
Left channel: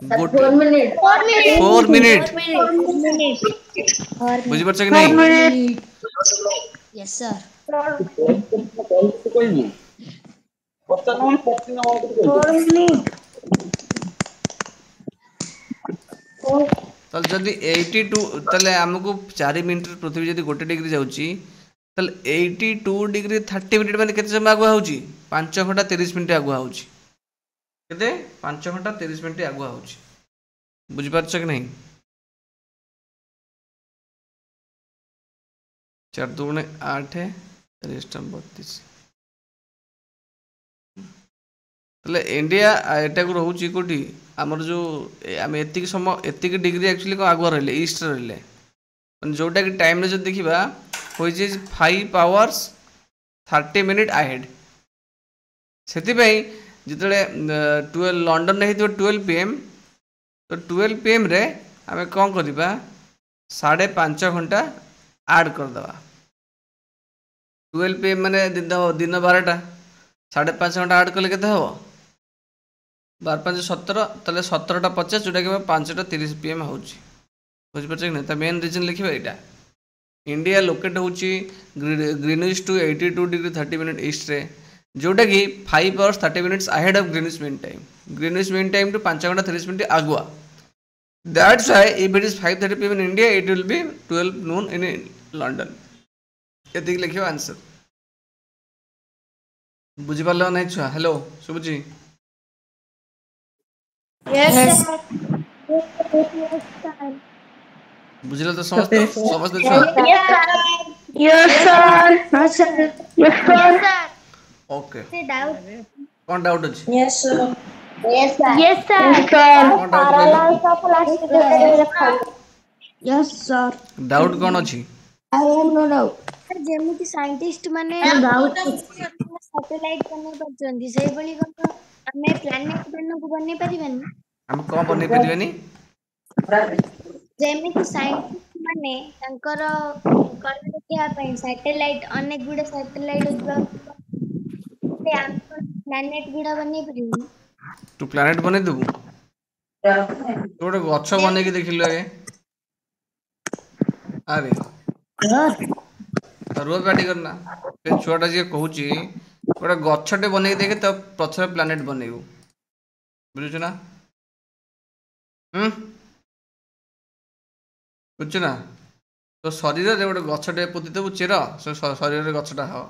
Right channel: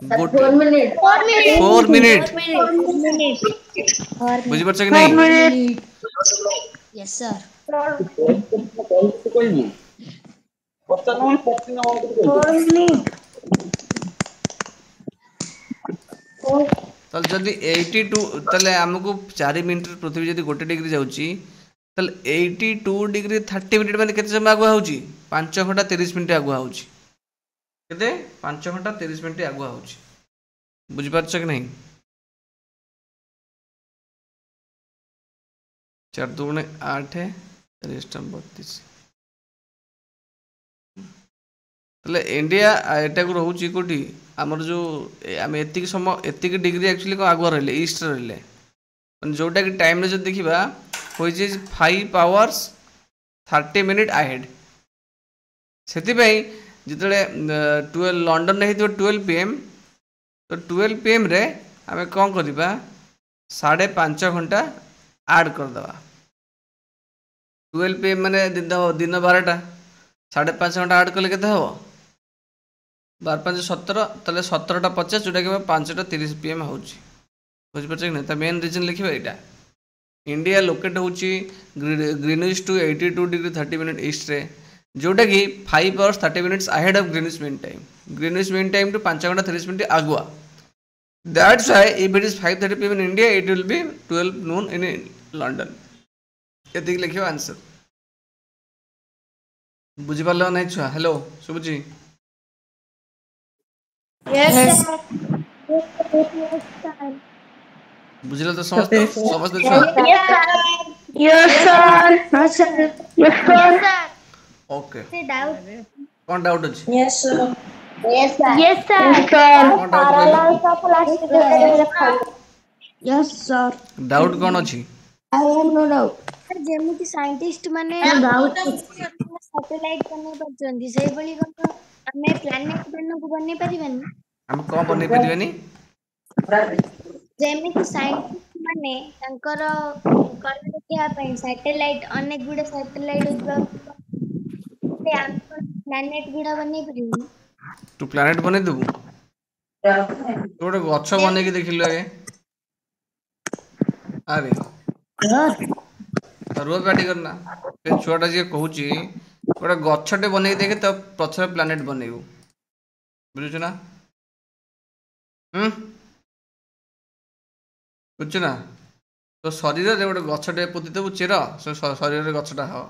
4 मिनिट बुझि परछ कि नहीं यस सर तल जदि 82 तले हमको 4 मिनिट पृथ्वी जदि गोटे डिग्री जाउची तल 82 डिग्री 30 मिनिट माने केते समय आगुआ होउची 5 घंटा 30 मिनिट आगुआ होउची केते 5 घंटा 30 मिनिट आगुआ होउची बुझि परछ कि नहीं 4 2 8 3 32 तले इंडिया एटा को रहउची कोठी हमर जो हम एतिक समय एतिक डिग्री एक्चुअली को आगुआ रहले ईस्ट रहले माने जोटा कि टाइम रे जो देखिबा which is 5 hours 30 minute ahead सेति पई जितले 12 लंडन ने हेतो 12 PM तो 12 PM रे हमें कोन करबा 5.5 घंटा ऐड कर दबा 12 PM माने दिन 12टा 5.5 घंटा ऐड कले केते हो 12 5 17 ताले 17टा 50 जोटा कि 5टा 30 PM होउची बुझ परछ कि नै त मेन रीजन लिखिबा एटा इंडिया लोकेट होउची Greenwich to 82 degree 30 minute east रे जोटा कि 5 hours 30 minutes ahead of Greenwich Mean Time to 5 घंटा 30 minute आगुआ that's why if it is 5:30 PM in India it will be 12 noon in London एति लिखियो answer बुझि पालो नै छुआ हेलो सुबुजी यस बुझिलो तो समझते छुआ yes sir yes sir okay से डाउट कोन डाउट अछि yes sir yes sir yes sir parallel of elastic yes sir doubt कोन अछि आई हैव नो डाउट जेमिति साइंटिस्ट माने सैटेलाइट बनै परछन्ती सेही बळी कोन हमें प्लैनेट को बनै परिबनी हम कोन बनै परिबेनी जेमिति साइंटिस्ट माने तांकर कर्ण देखिया पई सैटेलाइट अनेक गुडे सैटेलाइट से हम प्लैनेट गुडा बनै परिबनी तू प्लैनेट बनै देबू तोड़े गच्छ बनै के देखिलु आगे अरे रोज गाड़ी करना फिर छुआटा जी कहूची गोटे गछटे बनै देखे तो प्रथम प्लैनेट बनैबू बुझुछ ना बुझुछ ना तो शरीर रे गोटे गछटे पोति देबू चेर से शरीर रे गछटा हो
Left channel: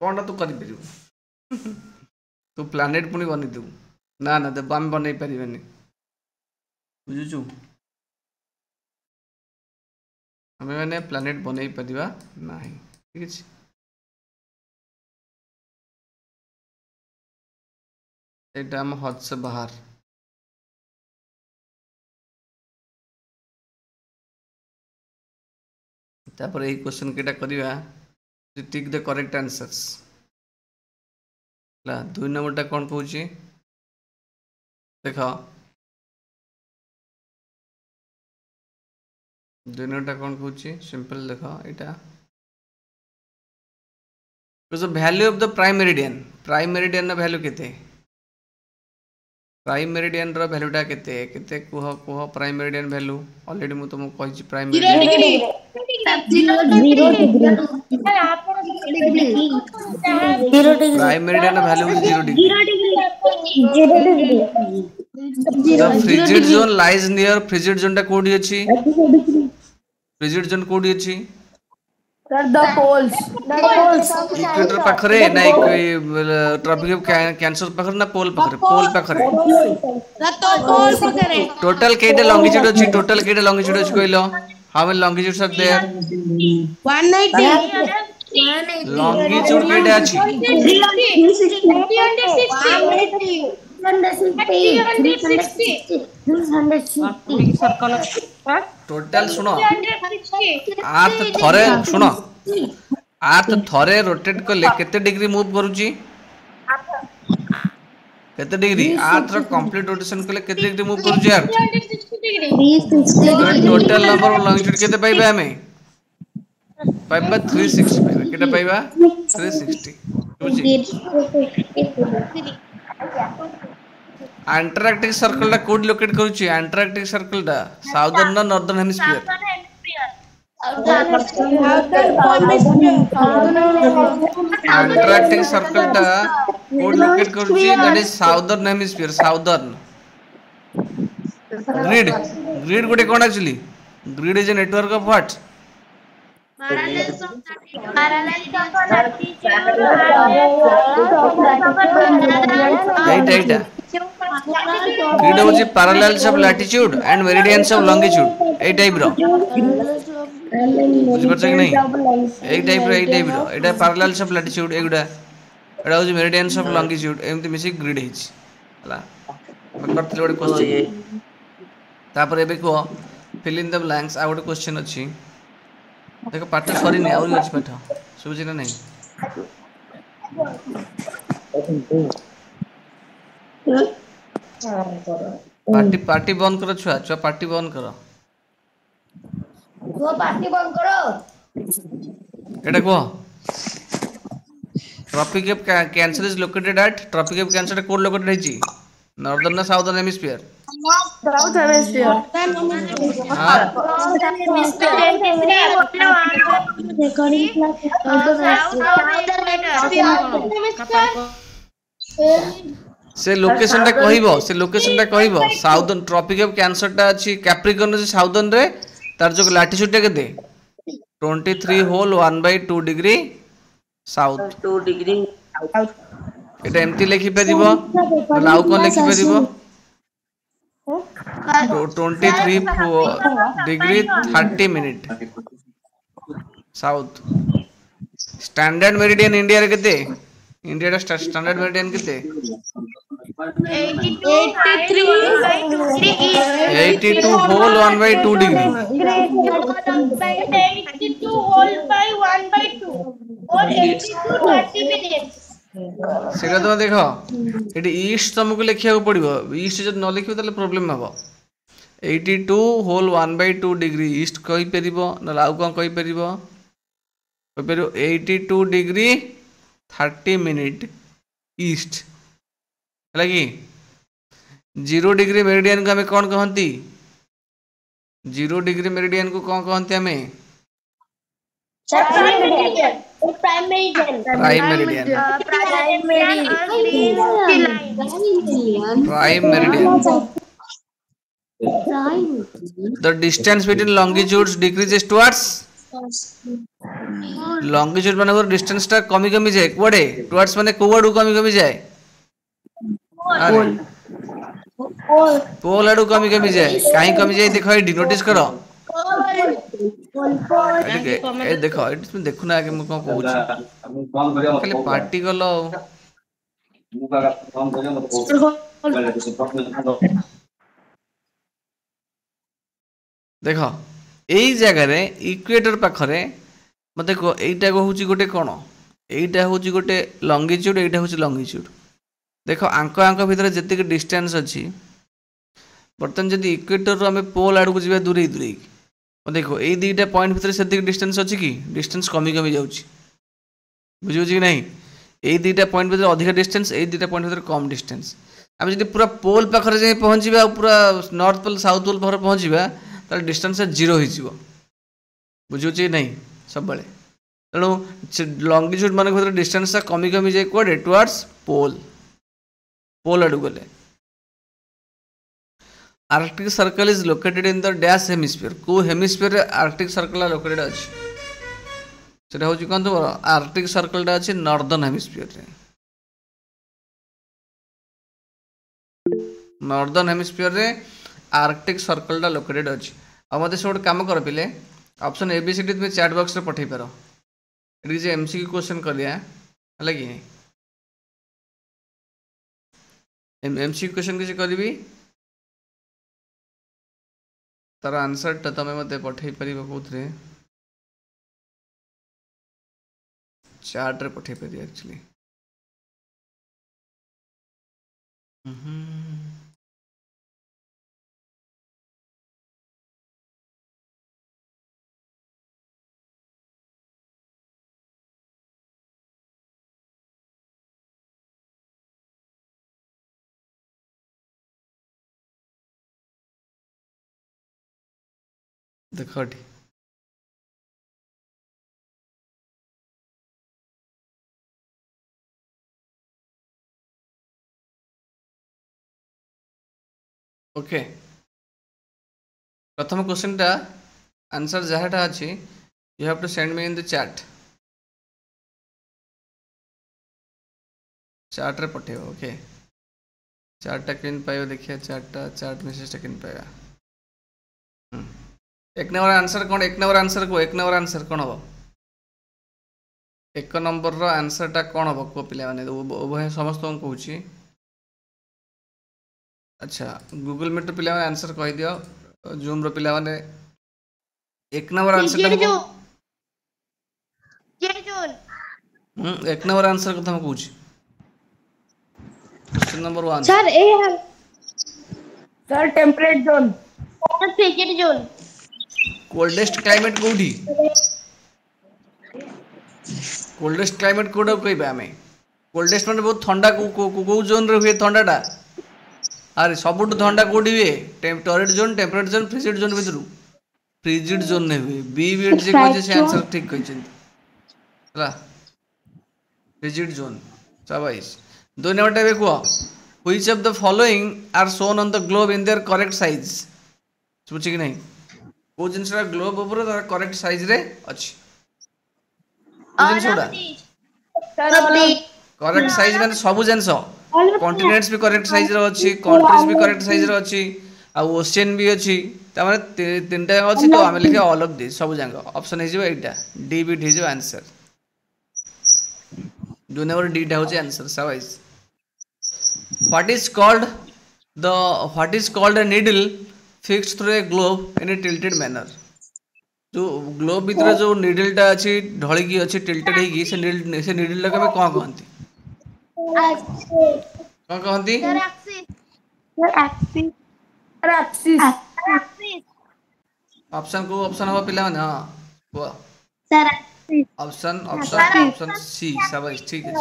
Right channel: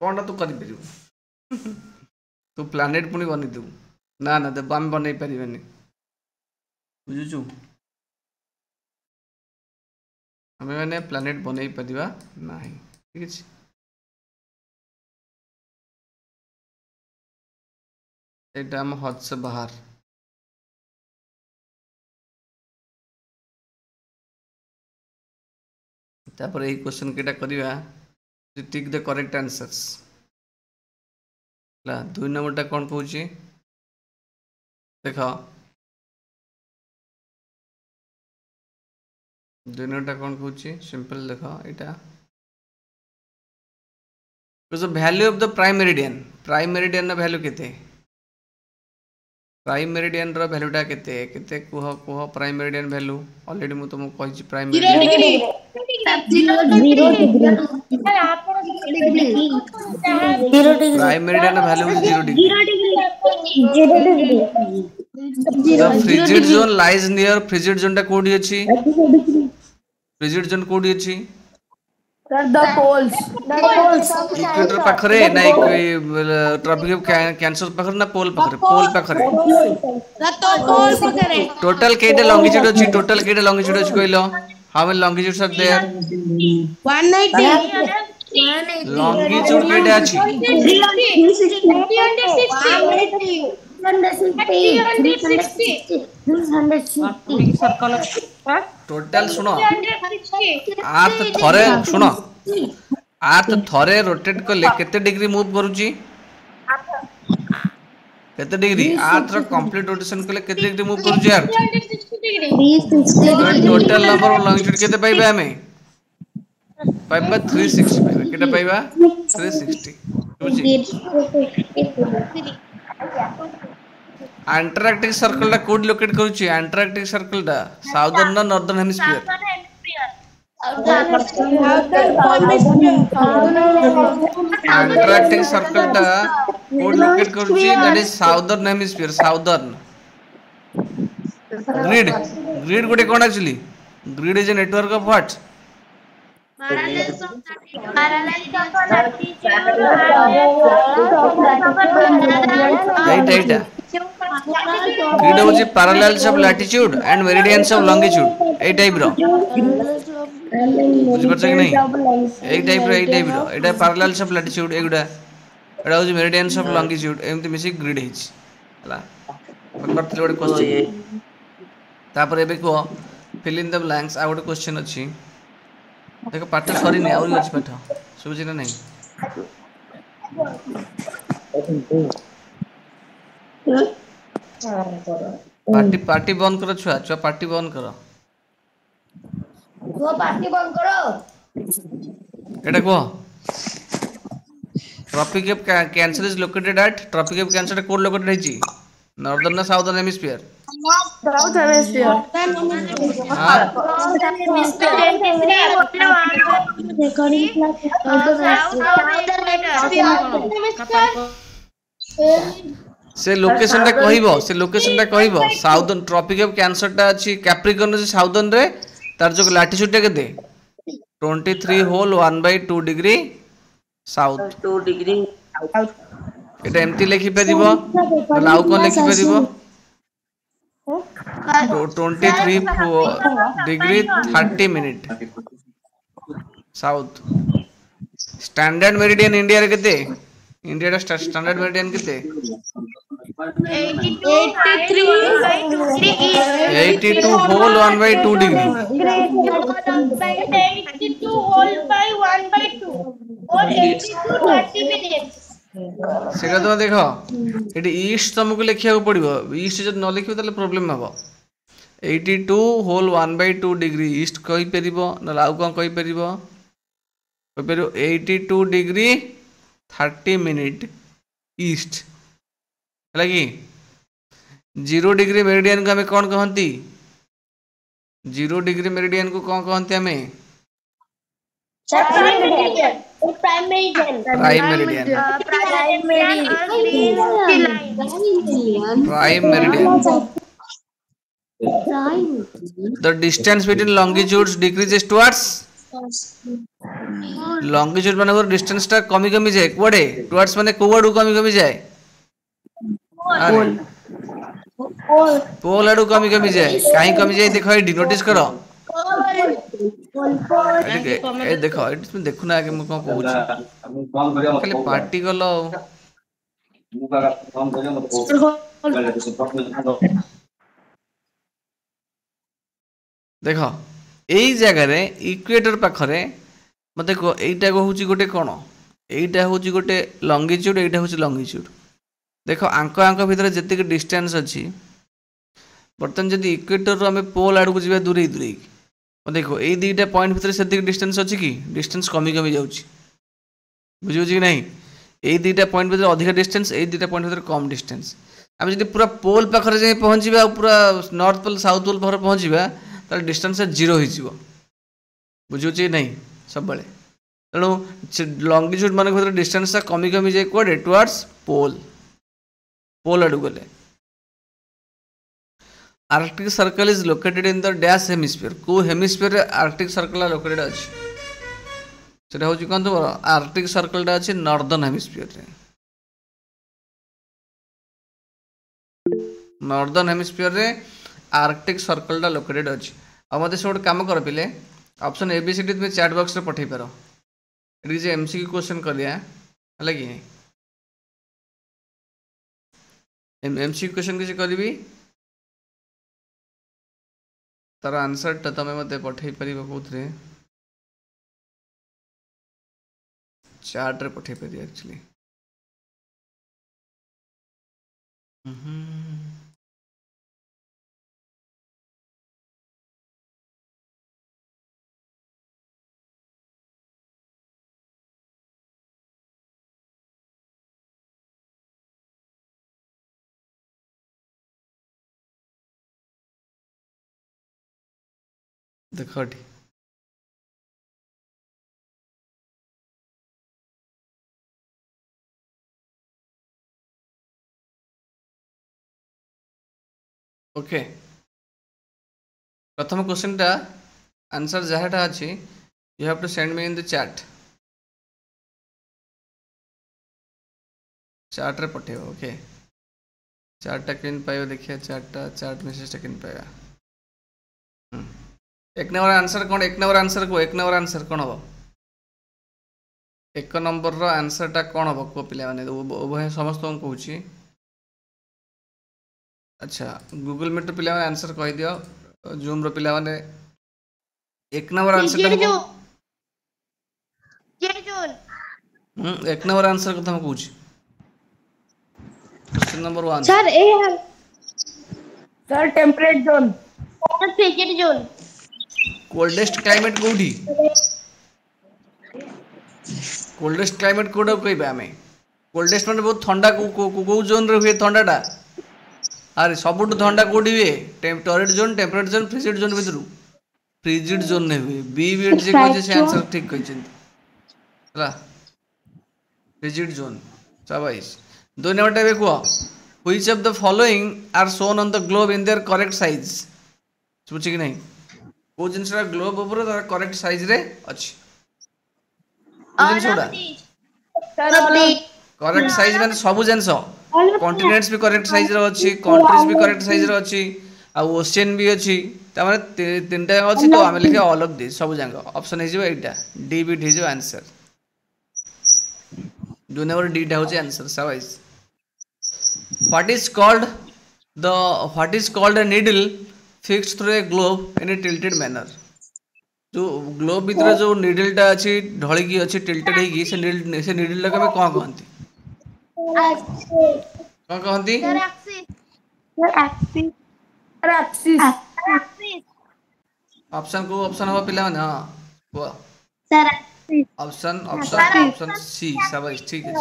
कोनटा तू करि परिबू तू प्लैनेट पुनी बनै देबू ना ना देब हम बनै परिबेनी बुझुछु हमें मैंने प्लैनेट बनै परिबा नाही ठीक अछि एटा हम हद से बाहर तापर ए क्वेश्चन केटा करिवा टिक द करेक्ट आंसर्स ला 2 नंबरटा कोन कहूची देखो 2 नंबरटा कोन कहूची सिंपल देखो एटा the value of the prime meridian रा वैल्यू केते प्राइम मेरिडियन रा वैल्यूटा केते केते कुह प्राइम मेरिडियन वैल्यू ऑलरेडी मु तुमको कहिची प्राइम 0 डिग्री 0 डिग्री आपण 0 degree prime meridian value 0 degree 0 frigid zone lies near frigid zone टा कोडी अछि फ्रिजिड जोन कोडी अछि सर द पोल्स इक्वेटर पाखरे नाही कोई ट्रॉपिक कैंसर पाखरे ना पोल पाखरे तो पोल पकरे टोटल केटे लॉन्गिट्यूड अछि कहलो how many longitudes are there 190 longitude केटे अछि 360 टोटल सुनो आर्थ थरे सुनो आर्थ थरे रोटेट करले केते डिग्री मूव करूची केते डिग्री आर्थ रो कंप्लीट रोटेशन करले केते डिग्री मूव करूची यार 360 टोटल नंबर ऑफ लॉन्गिट्यूड केते पाइबा हमें पाइबा 360 केते पाइबा 360 अंटार्कटिक सर्कल टा कोड लोकेट करूची अंटार्कटिक सर्कल टा साउदर्न ना नॉर्दर्न हेमिस्फीयर अंटार्कटिक सर्कल टा कोड लोकेट करूची that is southern hemisphere southern grid गोटे कोन actually grid is a network of what grid होची parallels of latitude and meridians of longitude a type रो बुझ परछ कि नहीं ए type row Etah parallels of latitude एगुडा एटा होची मेरिडियंस ऑफ लॉन्गिट्यूड एमति मिसी ग्रिड हिच हला करथि ओडे क्वेश्चन तापर एबे को फिल इन द ब्लैंक्स आ ओडे क्वेश्चन अछि देखो पाठ सरी नहीं और अछि पाठ सुबुझ ना नहीं पार्टी बंद करो छुआ पार्टी बंद करो वो पार्टी बंद करो एटा को Tropic of Cancer is located at Tropic of Cancer कोड लोकेटेड है जी नॉर्दर्न ना साउदर्न हेमिस्फीयर साउथ हेमिस्फीयर से लोकेशन टा कहइबो साउदर्न ट्रॉपिक ऑफ कैंसर टा अछि कैप्रिकॉर्न रे साउदर्न रे तार जो लैटिट्यूड टा केते 23 होल 1/2 डिग्री साउथ 2 डिग्री एटा एमटी लिखि परिबो लाउ कोन लिखि परिबो 23 degree 30 minute south standard meridian India रे केते इंडिया रा स्टैंडर्ड मेरिडियन केते 82 होल 1/2 डिग्री 82 होल by 1/2 और 82 30 मिनट्स सेटा तो देखो एटी ईस्ट तुमको लिखिया को पड़िबो ईस्ट जब न लिखिबो ताले प्रॉब्लम हबो 82 होल 1/2 डिग्री ईस्ट कहि परिबो न लाउ कोन कहि परिबो 82 डिग्री 30 मिनिट ईस्ट लगी 0 डिग्री मेरिडियन को हमें कौन कहती 0 डिग्री मेरिडियन को कौन कहते हमें prime meridian the distance between longitudes decreases towards longitude माने डिस्टेंस टा कमी कमी जाए कोडे टुवर्ड्स माने कोवाडू कमी कमी जाए पोल आडू कमी कमी जाए काहे कमी जाए देखो एडी नोटिस करो ए देखो इसमें देखो ना कि म कोन कहू खाली पार्टी गलो देखो एई जगह रे इक्वेटर पाखरे मते को एइटा को होची गोटे कोन एइटा होची गोटे लॉन्गिट्यूड एइटा होची लॉन्गिट्यूड देखो आंक आंक भीतर जति डिस्टेंस अच्छी बर्तमान जदि इक्वेटर आम पोल आड़ को जा दूरे दूरे देखो ये दुईटा पॉइंट भीतर से डिस्टेंस अच्छी कि डिस्टेंस कमी कमी जाऊँगी बुझे कि नहीं ये दुईटा पॉइंट भीतर अधिक डिस्टेंस ये दुईटा पॉइंट भीतर कम डिस्टेंस आम जब पूरा पोल पाखे जाए पहुँचा पूरा नॉर्थ पोल साउथ पोल पाखे पहुँचा तार डिस्टेंस 0 हो बुझे कि नहीं सब तेणु लॉन्गिट्यूड मान भीतर डिस्टेंस कमी कमी जाए कौटे टुवर्ड्स पोल पोल आड़ गले Arctic circle is located in the dash hemisphere को हेमिस्फीयर आर्कटिक सर्कल लोकेटेड अच्छी सेटा होची कोन तो आर्कटिक सर्कल टा अच्छी नॉर्दर्न हेमिस्फीयर रे नॉर्दर्न हेमिस्फीयर रे आर्कटिक सर्कल टा लोकेटेड अच्छी अब मते से काम कर पिले ऑप्शन एबीसीडी तुम चैट बॉक्स रे पठै पारो एडी जे एमसीक्यू क्वेश्चन कर दिया हला कि एमसीक्यू क्वेश्चन किसी करी तार आंसर टा तमे मते पठै परिबो कोथरे चैट रे पठै परिबो एक्चुअली देखो ओके प्रथम क्वेश्चन टा आंसर जहाटा अच्छी you have to send me in the chat chat रे पठेब ओके चैट टा केन पाइबो देखिए चैट मेसेज टा केन पाइबा एक नंबर आंसर कौन एक नंबर आंसर को एक नंबर आंसर कौन हम एक नंबर रो आंसर टा कौन हम को पिला माने उभय समस्त को कहूची अच्छा गूगल मीट पिला आंसर कह दियो जूम रो पिला माने एक नंबर आंसर एक नंबर आंसर कथा हम कहूची नंबर 1 सर ए सर टेम्परेट जोन और फ्रिजिड जोन कोल्डेस्ट क्लाइमेट कोठी कोल्डेस्ट क्लाइमेट कोड कहबा हमें कोल्डेस्ट माने बहुत ठंडा को जोन रे हुए ठंडाटा अरे सबुठ ठंडा कोडी हुए torrid zone temperate zone frigid zone भितरु फ्रिजिड जोन नहीं हुए बी विड जे कहै से आंसर ठीक कहै हला फ्रिजिड जोन शाबाश 2 नंबर टाइप को which of the following are shown on the globe in their correct size बुझी कि नहीं को जिनसरा ग्लोब ऊपर करेक्ट साइज रे अछि करेक्ट साइज माने सब जिनस कॉन्टिनेंट्स भी करेक्ट साइज रो अछि कंट्रीज भी करेक्ट साइज रो अछि आ ओशियन भी अछि त माने तीनटा अछि तो हम लिखे ऑल ऑफ दिस सब जांग ऑप्शन हे जो एटा डी बिट हे जो आंसर 2 नंबर डी टा होची आंसर शाबाश what is called a needle fixed through a globe in a tilted manner जो ग्लोब भीतर जो नीडल टा अछि ढळी की अछि टिल्टेड हे की से नीडल ला के कोन कहंती कोन कहंती ऑप्शन को ऑप्शन हो पिला माने हां को सर ऑप्शन सी शाबाश ठीक है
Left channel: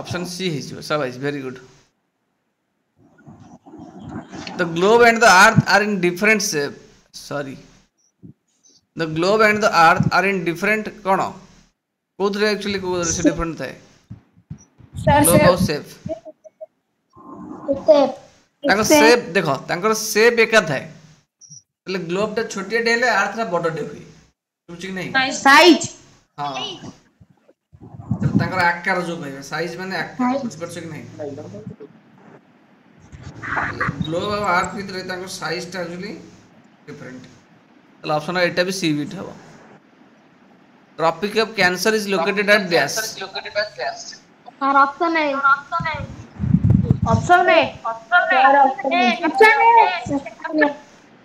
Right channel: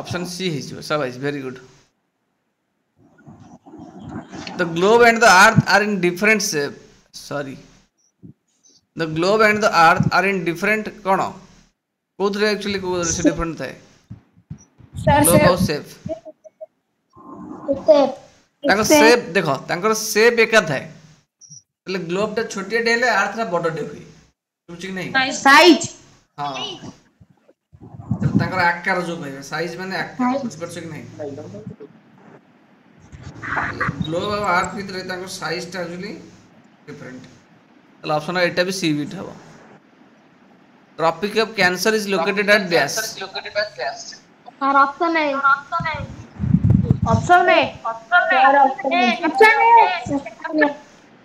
ऑप्शन सी है शाबाश very good the globe and the earth are in different sorry the globe and the earth are in different cone कोथरे actually को डिफरेंट थाए सर शेप ताको शेप देखो तांकर शेप एका थाए એટલે ગ્લોબ टा छोटिया डेले अर्थ रा बड़ डे हुई बुझी नहीं साइज हां तांकर आकार जो कहबे साइज माने आकार बुझ कि नहीं ग्लोब और अर्थ भीतर तांकर साइज टा एक्चुअली डिफरेंट well option एटा भी सी बिट हवा Tropic of Cancer is located at dash sir option है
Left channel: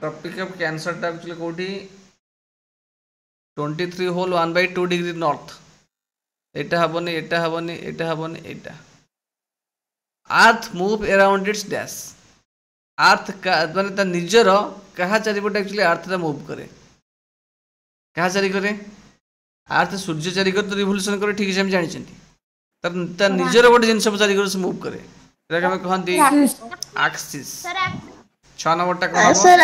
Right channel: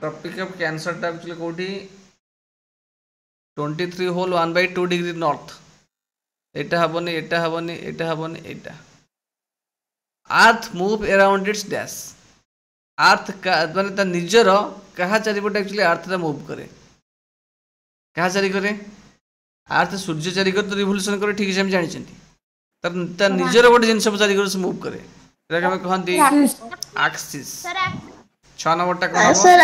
ट्रॉपिक ऑफ कैंसर टा एक्चुअली कोठी 23 होल 1/2 डिग्री नॉर्थ एटा हबनी एटा earth move around its dash earth का माने ता निजर कहा चारिपटे एक्चुअली अर्थ ता मूव करे कहा चारि करे अर्थ सूर्य चारि कर तो रिवोल्यूशन करे ठीक से हम जानि छथि ता निजर गोटे जिंस चारि कर से मूव करे एटा हम कहंती एक्सिस सर 6 नंबर टा कोन सर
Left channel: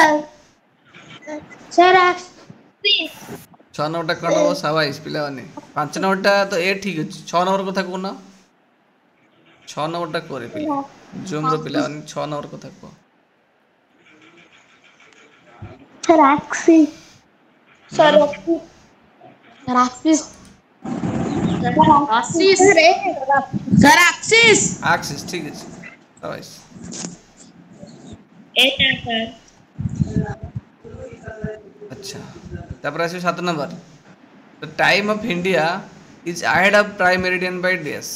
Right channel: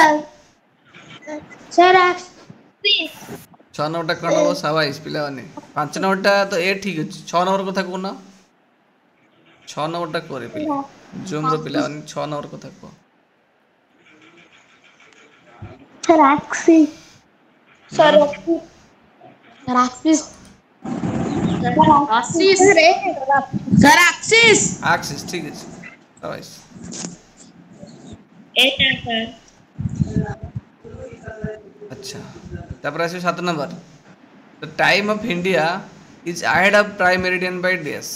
एक्सिस 6 नंबर टा कोन शाबाश पिला माने 5 नंबर टा तो ए ठीक अछि 6 नंबर कथा कोन 6 नंबर टा करे पिला जोन रो पिला माने 6 नंबर कथा को सर एक्सिस एक्सिस ठीक है शाबाश एटा सर अच्छा तापर आसे 7 number the time of India is ahead of prime meridian by days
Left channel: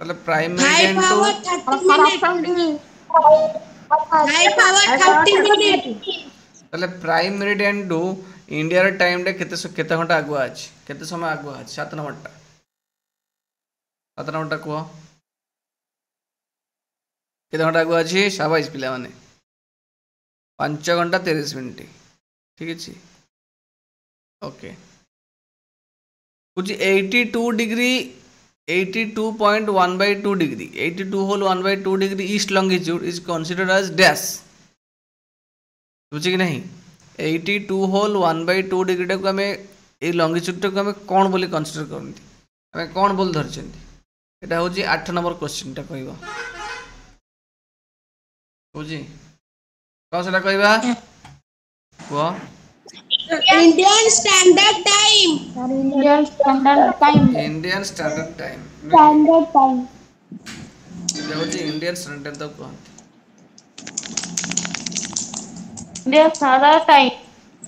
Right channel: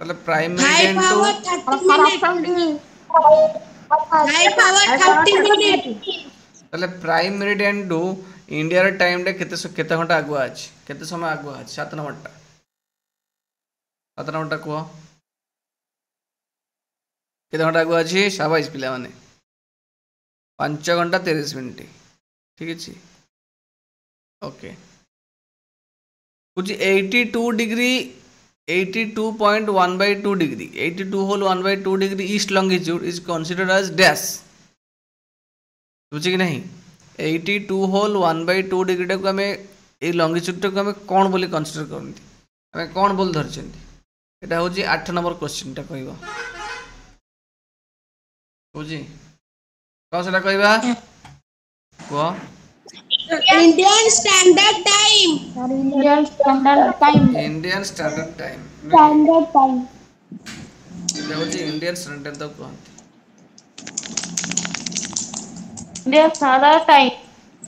मतलब प्राइम मेरिडियन मतलब प्राइम मेरिडियन टू इंडिया रे टाइम डे केते घंटा आगुआ अछि केते समय आगुआ अछि 7 नंबर टा को केते घंटा आगुआ अछि शाबाश पिला माने 5 घंटा 30 मिनिट ठीक अछि ओके कुछ 82 degree 82.1/2 degree 82 whole 1/2 degree east longitude is considered as dash बुझी कि नहीं 82 होल 1/2 डिग्री टा को हमें ए लॉन्गिट्यूड टा को हमें कोन बोली कंसीडर करनती हमें कोन बोल धरचंती एटा होजी 8 नंबर क्वेश्चन टा कहबो बुझी का सेटा कहबा को Indian Standard Time Indian Standard Time Indian Standard तो को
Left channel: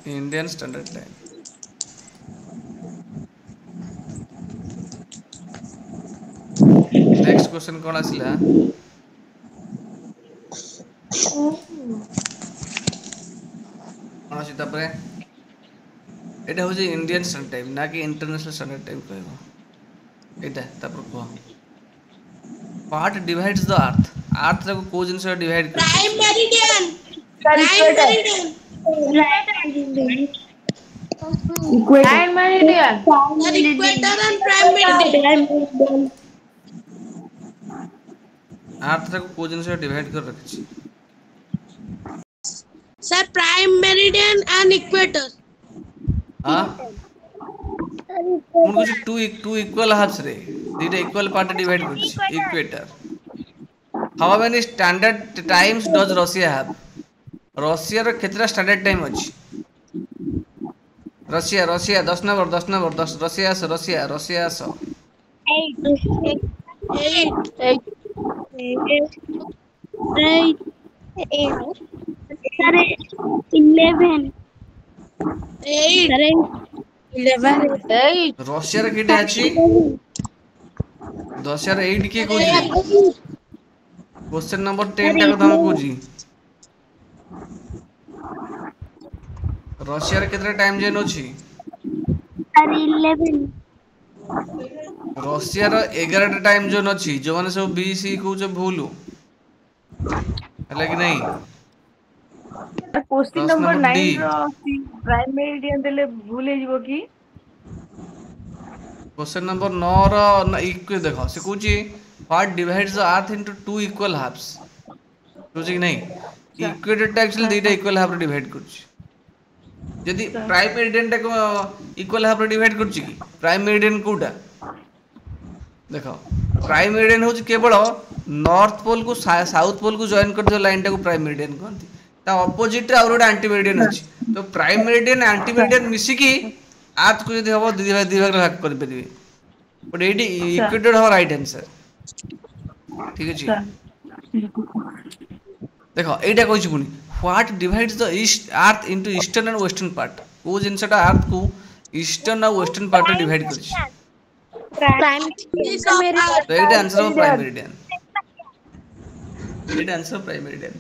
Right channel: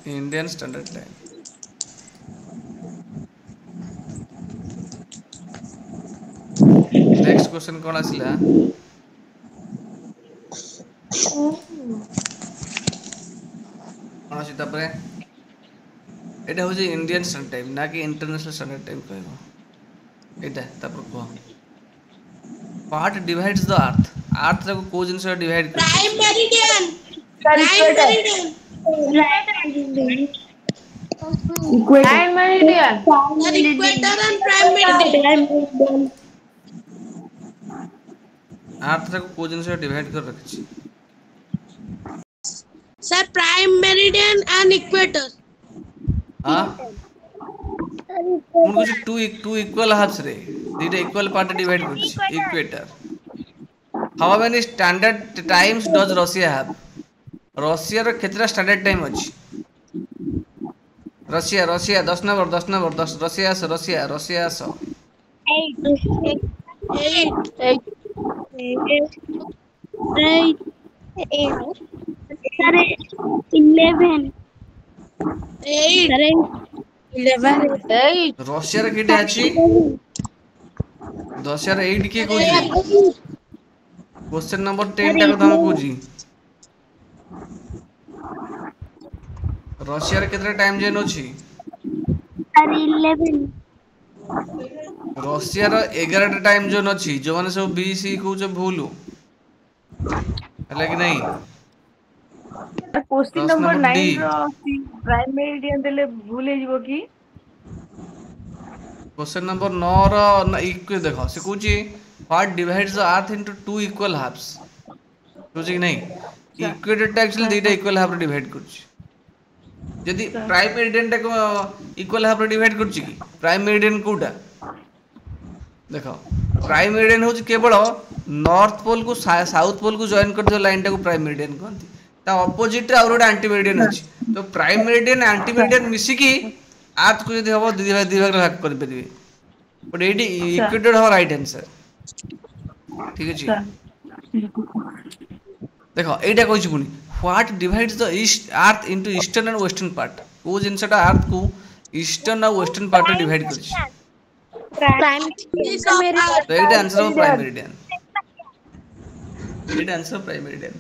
Indian Standard Time next question कोन आसिला कोन सीता परे एटा हो जे इंडियन स्टैंडर्ड टाइम ना कि इंटरनेशनल स्टैंडर्ड टाइम कहबो एटा तापर को व्हाट डिवाइड्स द अर्थ को को जिंस डिवाइड कर prime meridian equator and prime meridian earth रे को जिनस डिवाइड कर रखछि sir prime meridian and equator. हां उनको टू इक्वल हाफ्स रे दीटा इक्वल पार्ट डिवाइड करछि equator. How many standard times does Russia have? Russia रो केतरा स्टैंडर्ड टाइम अछि? रशिया रशिया 10 नंबर 10 रशिया सो 11 रशिया रे केटे अछि? रशिया रे 8 के कोजी? क्वेश्चन नंबर 10 टा कथा कोजी रशिया रे केतरा टाइम जोन अछि? 11 रशिया रो 11 टा टाइम जोन अछि जो माने सब बीसी को जो भूलु हला कि नहीं? क्वेश्चन प्रश्न नंबर नंबर 9 डी रो प्राइम मेरिडियन देले भूल हे जिवो की? क्वेश्चन नंबर 9 रो इक्वल देखो से कुची what divides the earth into two equal halves बुझी कि नहीं? इक्वेटर टा एक्चुअली दुईटा इक्वल हाफ रे डिवाइड करछि यदि प्राइम मेरिडियन टा को इक्वल हाफ रे डिवाइड करछि कि प्राइम मेरिडियन कोटा देखो प्राइम मेरिडियन होछि केवल नॉर्थ पोल को साउथ पोल को जॉइन कर दो लाइन टा को प्राइम मेरिडियन कहंती ता ऑपोजिट रे और गोटे एंटी मेरिडियन अछि तो प्राइम मेरिडियन एंटी मेरिडियन मिसी की अर्थ को यदि हबो दुई भाग भाग कर परिबे बट एडी इक्वेटर हो राइट आंसर ठीक अछि। देखो एटा कहछि पुनी what divides the east earth into eastern and western part को जिनसटा अर्थ को ईस्टर्न और वेस्टर्न पार्ट रे डिवाइड करछि तो एटा आंसर हो प्राइम मेरिडियन एटा answer prime meridian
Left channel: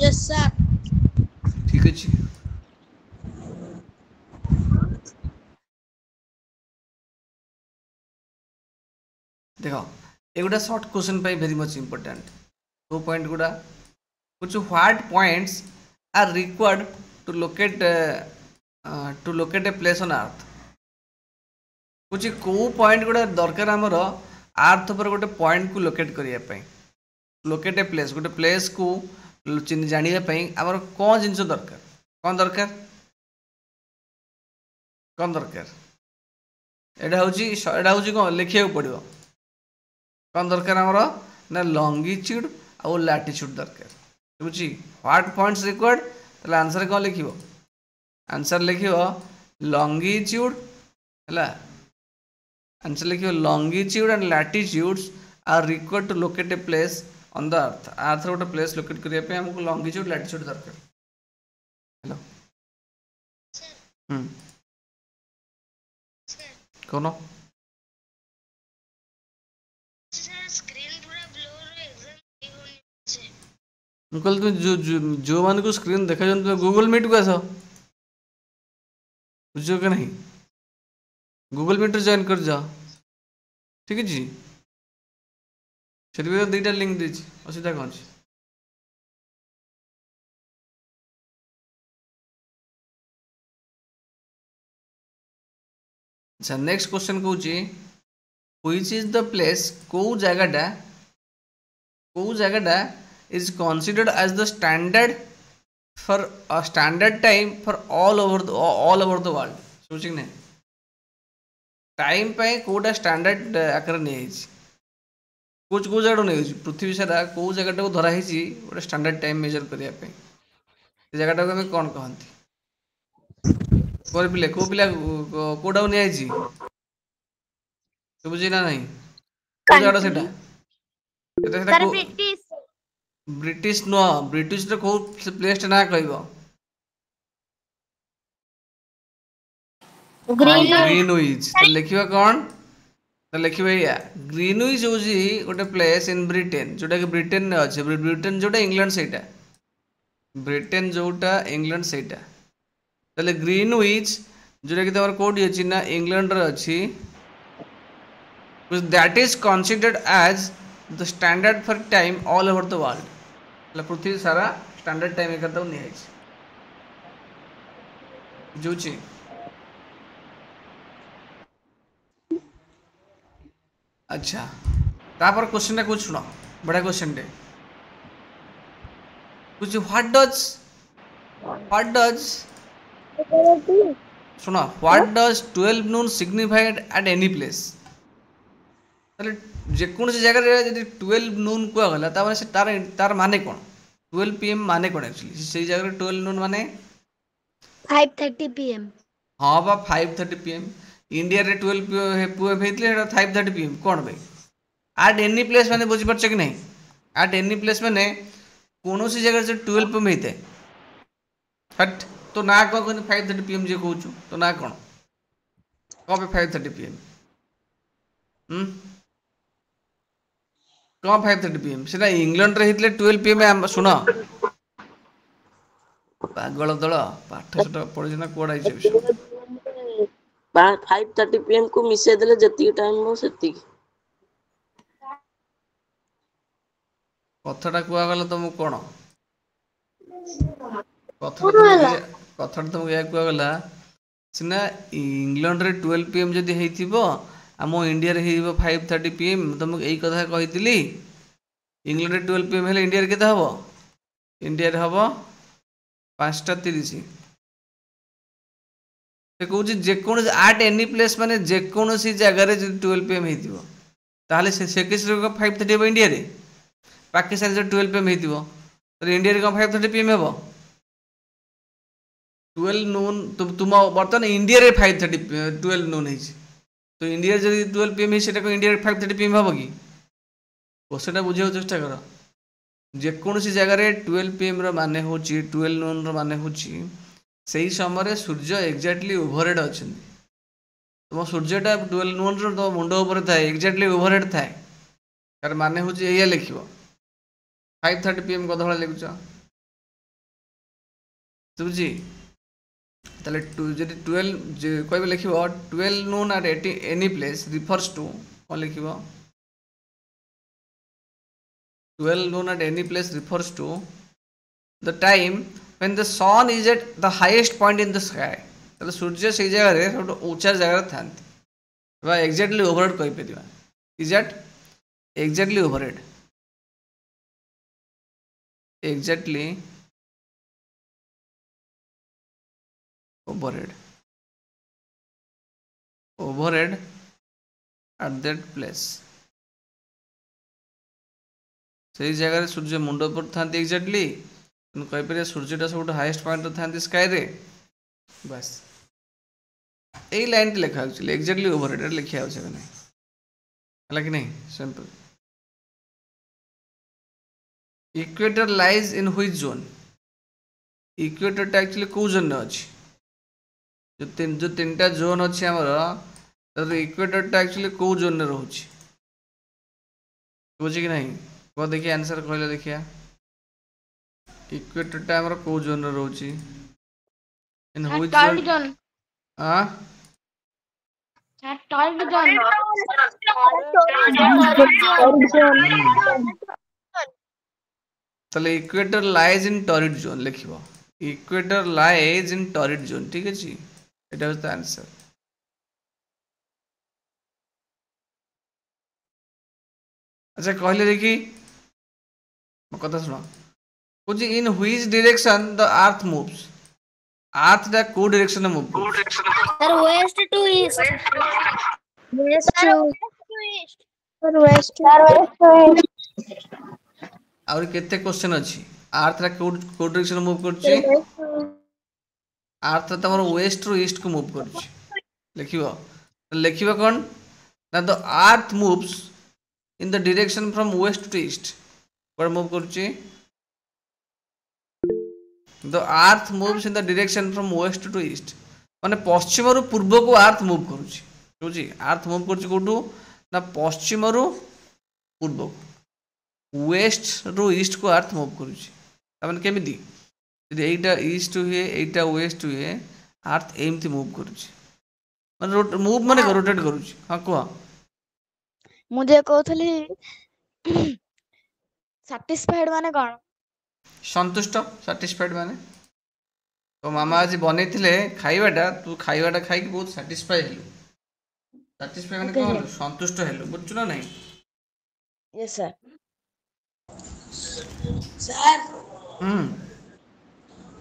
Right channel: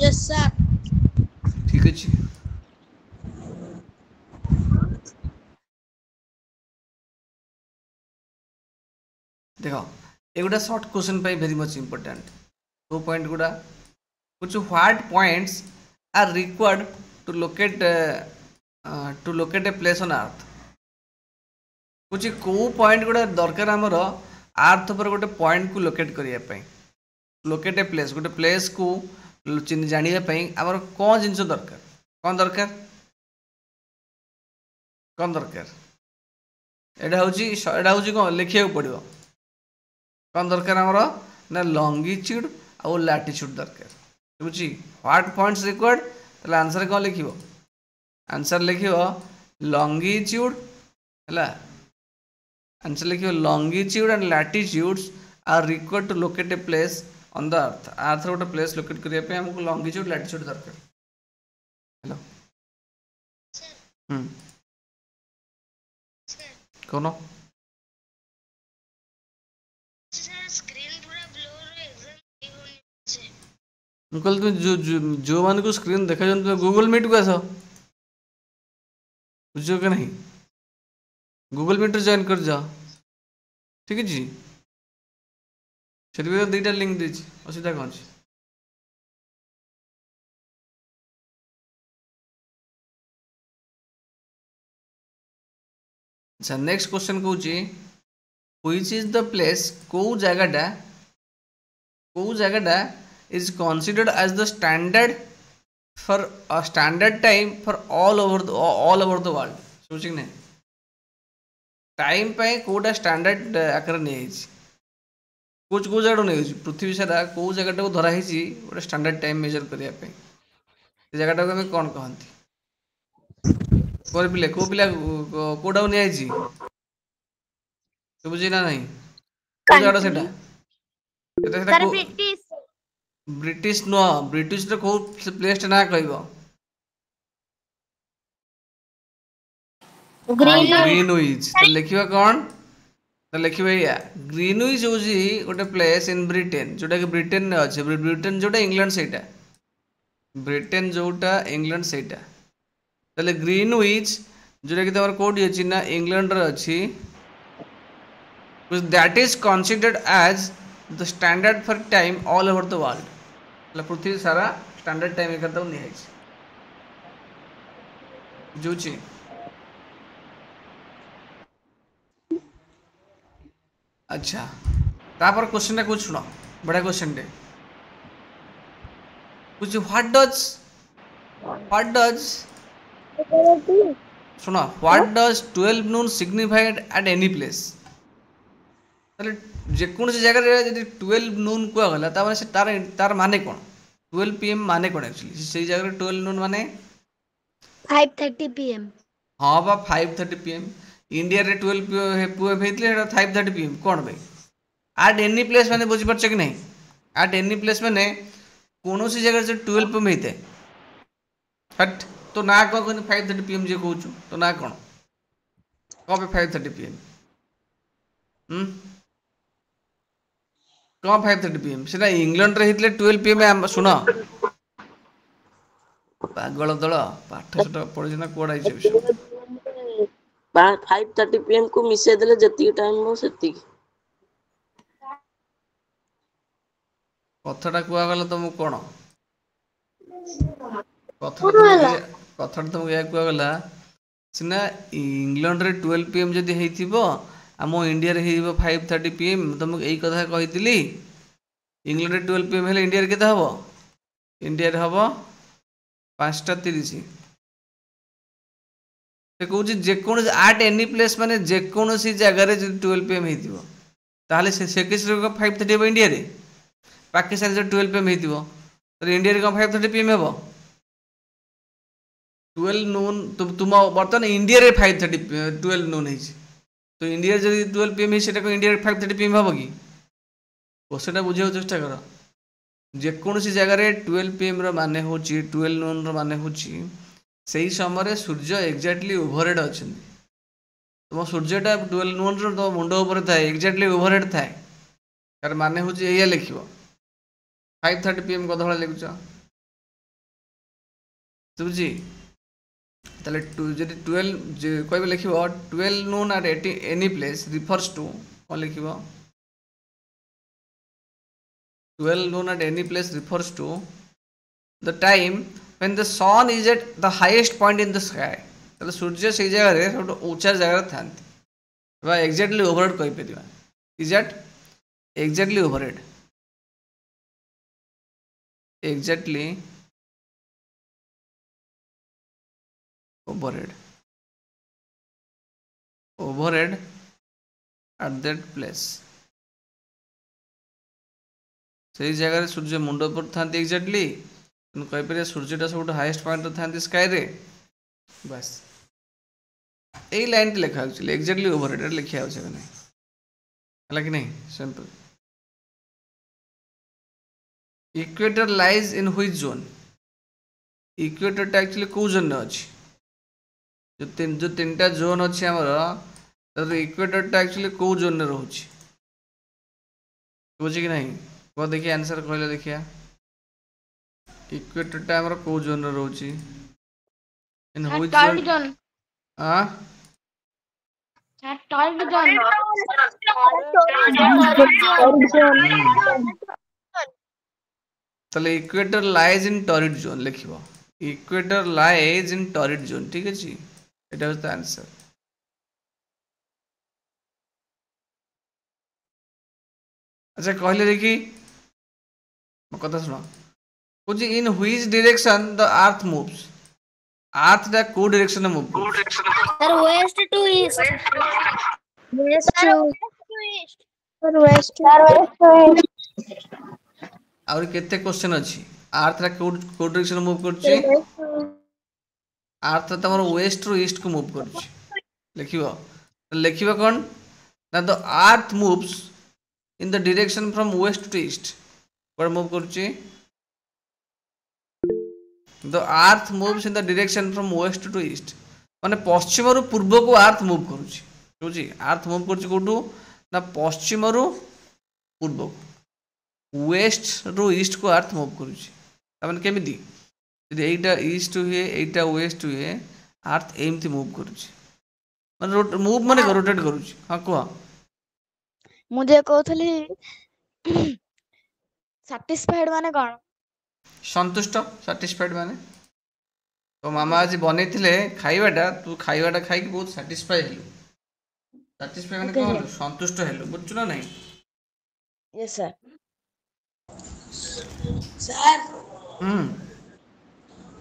yes sir. ठीक अछि। देखो एगुडा शॉर्ट क्वेश्चन पाई वेरी मच इंपोर्टेंट दो पॉइंट गुडा कुछ what points are required to locate a place on earth कुछ को पॉइंट गुडा दरकार हमर अर्थ पर गोटे पॉइंट को लोकेट करिया पई लोकेट ए प्लेस गोटे प्लेस को जानिया पई हमर कोन जिंस दरकार कोन दरकार एडा होची कोन लिखिया पड़िबो कौन दरकार हमरो ना लॉन्गिट्यूड और लैटिट्यूड दरकार बुझी व्हाट पॉइंट्स रिक्वायर्ड तले आंसर कौन लिखिबो आंसर लिखिबो लॉन्गिट्यूड हला आंसर लिखिबो longitude and latitudes are required to locate a place on the earth गोटे प्लेस लोकेट करिया पे हमको लॉन्गिट्यूड लैटिट्यूड दरकार हेलो कोनो मुकल तुम जो मान को स्क्रीन देखा जाए तुम गूगल मीट को आस बुझो कि नहीं गूगल मीट जॉइन कर जाओ ठीक है जी से दुईटा लिंक देछि असुविधा कौन अछि अच्छा नेक्स्ट क्वेश्चन कहूँ व्हिच इज द प्लेस को जगह is considered as the standard for a standard time for all over the world सोचिक नहीं टाइम पे कोडा स्टैंडर्ड आकर नहीं कुछ जगह नहीं पृथ्वी सारा को जगह को धरा गोटे स्टैंडर्ड टाइम मेजर करने जगह को कौन कहते पिले को पिला कोडा नहीं बुझी ना नहीं ब्रिटिश नुह ब्रिटिश रे को प्लेस ना कहबो ग्रीनविच तो लिखिबा कौन तो लिखिबा या ग्रीनविच होजी गोटे प्लेस इन ब्रिटेन जोटा कि ब्रिटेन ने अछि ब्रिटेन जोटा इंग्लैंड सेटा ब्रिटेन जोटा इंग्लैंड सेटा तले ग्रीनविच जोटा कि तमर कोडी अछि ना इंग्लैंड रे अछि that is considered as the standard for time all over the world मतलब पृथ्वी सारा स्टैंडर्ड टाइम एक नहीं है जोची अच्छा तापर क्वेश्चन टा कुछ सुनो बड़ा क्वेश्चन टे कुछ व्हाट डज सुनो what does 12 Noon signified eight any place ताले जेकोसी जगह रे जदी 12 नून को गला ता माने से तार माने कोन 12 पीएम माने कोन एक्चुअली से जगह रे 12 नून माने 5:30 PM हाँ बा 5:30 PM इंडिया रे 12 PM हेतले 5:30 PM कोन भाई एट एनी प्लेस माने बुझी परछ कि नहीं एट एनी प्लेस माने कोनोसी जगह से 12 PM हेते हट तो ना को 5:30 PM जे कहू तो ना कोन कबे 5:30 PM कौन 5:30 PM सेटा इंग्लैंड रे हितले 12 PM सुन पागल दल पाठ सटा पढि ना कोडा आइछ 5:30 PM को मिसे देले जति टाइम हो सेति कथटा कुआ गला तुम कोन कथटा तुम या कुआ गला सिना इंग्लैंड रे 12 PM जदी हेतिबो आम इंडिया रे हेइबो 5:30 PM तुमको एई कथा कहितली इंग्लैंड रे 12 PM हेले इंडिया रे केता हबो इंडिया रे हबो 5:30 से कहूँ जेकोसी एट एनी प्लेस माने जेकोसी जगह रे 12 PM हेतिबो ताहले से केस रे 5:30 हबो इंडिया रे पाकिस्तान रे 12 PM हेतिबो तो इंडिया रे 5:30 PM हबो 12 नून तुम बर्तन इंडिया रे 5:30 12 नून है तो इंडिया जब 12 PM से इंडिया 5:30 PM हम कि क्वेश्चन बुझे चेष्टा कर जेकोसी जगह रे 12 PM माने हो 12 नून माने हो सही समय सूर्य एक्जाक्टली ओवरहेड अच्छा तुम सूर्यटा 12 नून तुम मुंड उपर थाए एक्जाक्टली ओवरहेड थाए तार माने हो या लिख 5:30 PM कद भाई लिखुच बुझी ताले जदि 12 कहबे लिखिबो 12 noon at any place refers to कौन लिखिबो 12 noon at any place refers to the time when the sun is at the highest point in the sky ताले सूर्य से जगह रे सब ऊंचा जगह थांती बा एग्जैक्टली ओवरहेड कहि परिबा is at exactly overhead at that place से जगह सूर्य मुंड पर था एक्जाक्टली कहीपर सूर्यटा सब हाईएस्ट पॉइंट था स्काई रे बस यही लाइन लिखा एक्जाक्टली ओवरहेड लिखा है कि नहीं simple equator lies in which zone equator टा एक्चुअली को जोन अच्छी जो तीनटा जोन अच्छी आमर इक्वेटर टा एक्चुअली को जोन में रोचे बुझे कि नहीं कह देखिए आंसर कहले देखिया इक्वेटर टा हमर को जोन रे रहउची इन व्हिच जोन हां टॉर्ड जोन तले equator lies in torrid zone लिखिबो equator lies in torrid zone ठीक अछि एटा इज द आंसर अच्छा कहले देखी कथा सुनो कुछ in which direction the earth moves earth दा को डायरेक्शन में move sir west to east और केते क्वेश्चन अछि अर्थ दा को डायरेक्शन में मूव करछि अर्थ तमर वेस्ट टू ईस्ट को मूव करछि लिखिबो कोन ना the earth moves in the direction from west to east what move करछि the earth moves in the direction from west to east माने पश्चिम रु पूर्व को अर्थ मूव करूछि बुझी अर्थ मूव करछि कोटू ना पश्चिम रु पूर्व वेस्ट रु ईस्ट को अर्थ मूव करूछि माने केमिति यदि एटा ईस्ट हुए एटा वेस्ट हुए अर्थ एमति मूव करूछि माने मूव माने रोटेट करूछि हां को मुझे कहथली सैटिस्फाइड माने कोन संतुष्ट सैटिस्फाइड माने तो मामा आज बनेथिले खाइबाटा तू खाइबाटा खाइ के बहुत सैटिस्फाई हेलु सैटिस्फाई माने कोन संतुष्ट हेलु बुझछु ना नहीं Yes, sir. Sir,